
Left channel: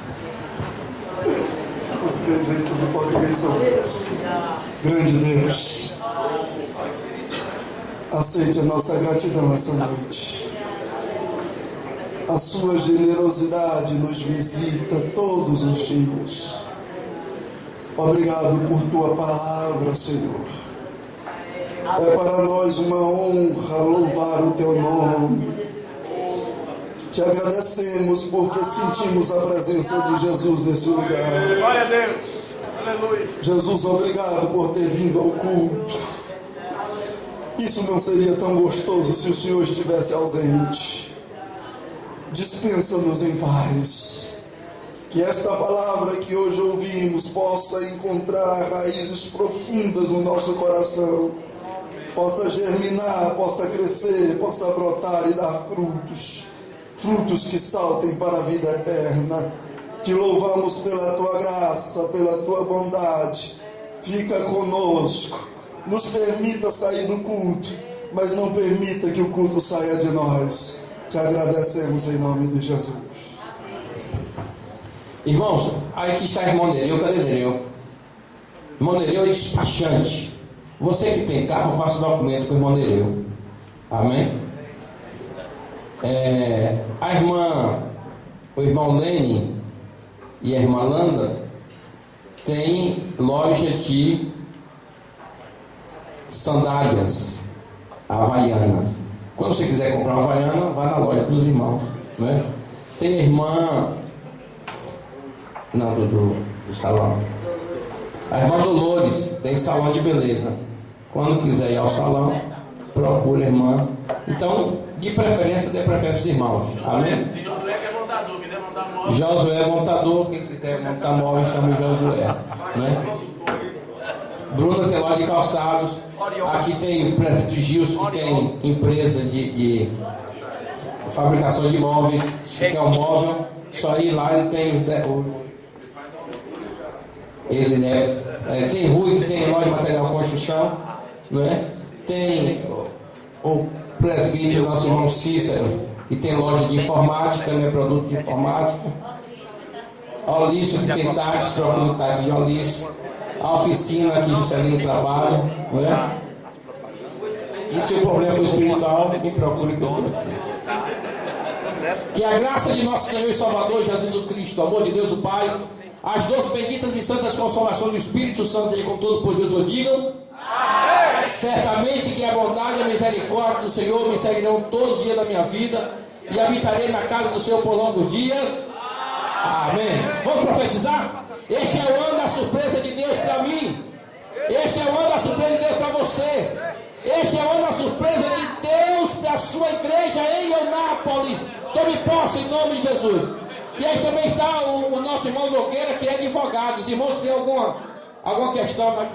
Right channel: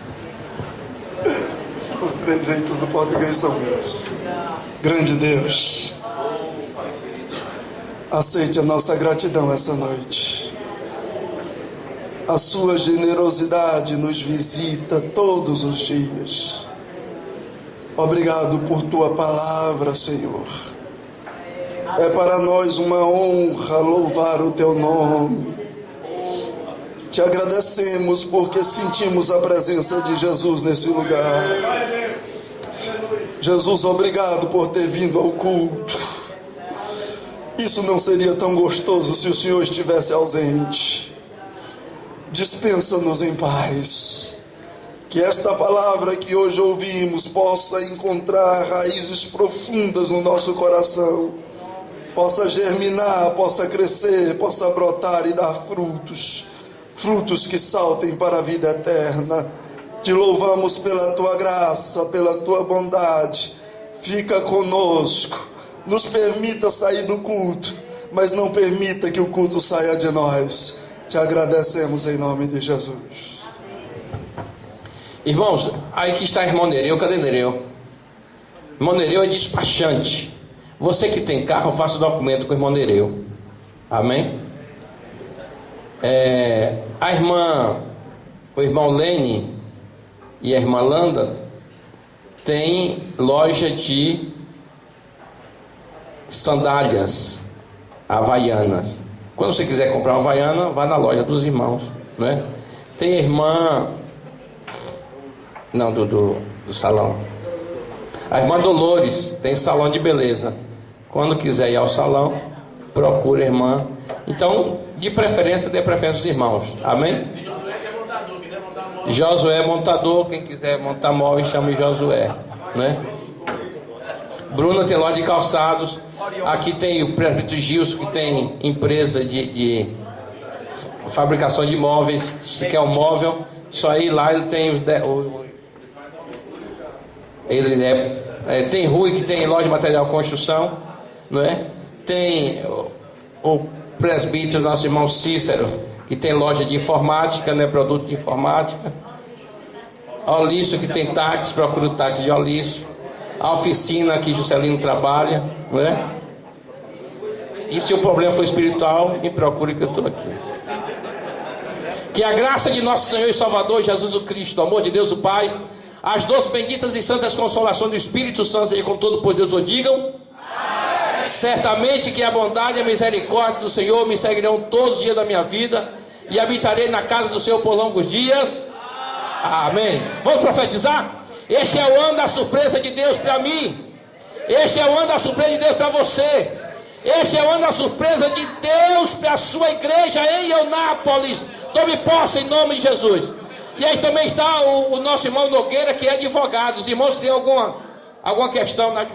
Os trejeitos do português são meus. Grande Deus, aceite a nossa gratidão essa noite. A sua generosidade nos visita todos os dias. Obrigado por tua palavra, Senhor. É para nós uma honra louvar o teu nome. Te agradecemos porque sentimos a presença de Jesus nesse lugar. Jesus, obrigado por ter vindo ao culto. Isso não seria tão gostoso se o Senhor estivesse ausente. Dispensa-nos em paz. Que esta palavra que hoje ouvimos possa encontrar raízes profundas no nosso coração, possa germinar, possa crescer, possa brotar e dar frutos, frutos que saltem para a vida eterna. Te louvamos pela tua graça, pela tua bondade. Fica conosco, nos permita sair do culto, mas não permita que o culto saia de nós. Te agradecemos em nome de Jesus. Irmãos, aí que está irmão Nereu. Cadê Nereu? Irmão Nereu é despachante. Você que tem carro, faça o documento com o irmão Nereu. Amém? O irmão Lene e a irmã Landa tem loja de sandálias havaianas. Quando você quiser comprar uma havaiana, vai na loja dos irmãos, né? Tem a irmã do salão, a irmã Dolores tem salão de beleza. Quando quiser ir ao salão, procura a irmã. Então, de preferência, dê preferência aos irmãos. Amém? Tem Josué que é montador, quiser montar móvel. Josué é montador, quem quiser montar móvel, chame Josué, né? Bruna tem loja de calçados. Aqui tem o presbítero Gilson, que tem empresa de fabricação de móveis. Se quer um móvel, só ir lá, ele tem tem Rui, que tem loja de material de construção, não é? Tem o presbítero, nosso irmão Cícero, que tem loja de informática, né? Produto de informática. Olício, que tem táxi, procura o táxi de Olício. A oficina que Juscelino trabalha, né? E se o problema for espiritual, me procure que eu estou aqui. Que a graça de nosso Senhor e Salvador Jesus o Cristo, o amor de Deus o Pai, as doces, benditas e santas consolações do Espírito Santo e com todo poder o digam. Amém. Certamente que a bondade e a misericórdia do Senhor me seguirão todos os dias da minha vida, e habitarei na casa do Senhor por longos dias. Amém. Vamos profetizar? Este é o ano da surpresa de Deus para mim. Este é o ano da surpresa de Deus para você. Este é o ano da surpresa de Deus para a sua igreja em Eunápolis. Tome posse em nome de Jesus. E aí também está o nosso irmão Nogueira, que é advogado. Os irmãos, se tem alguma questão na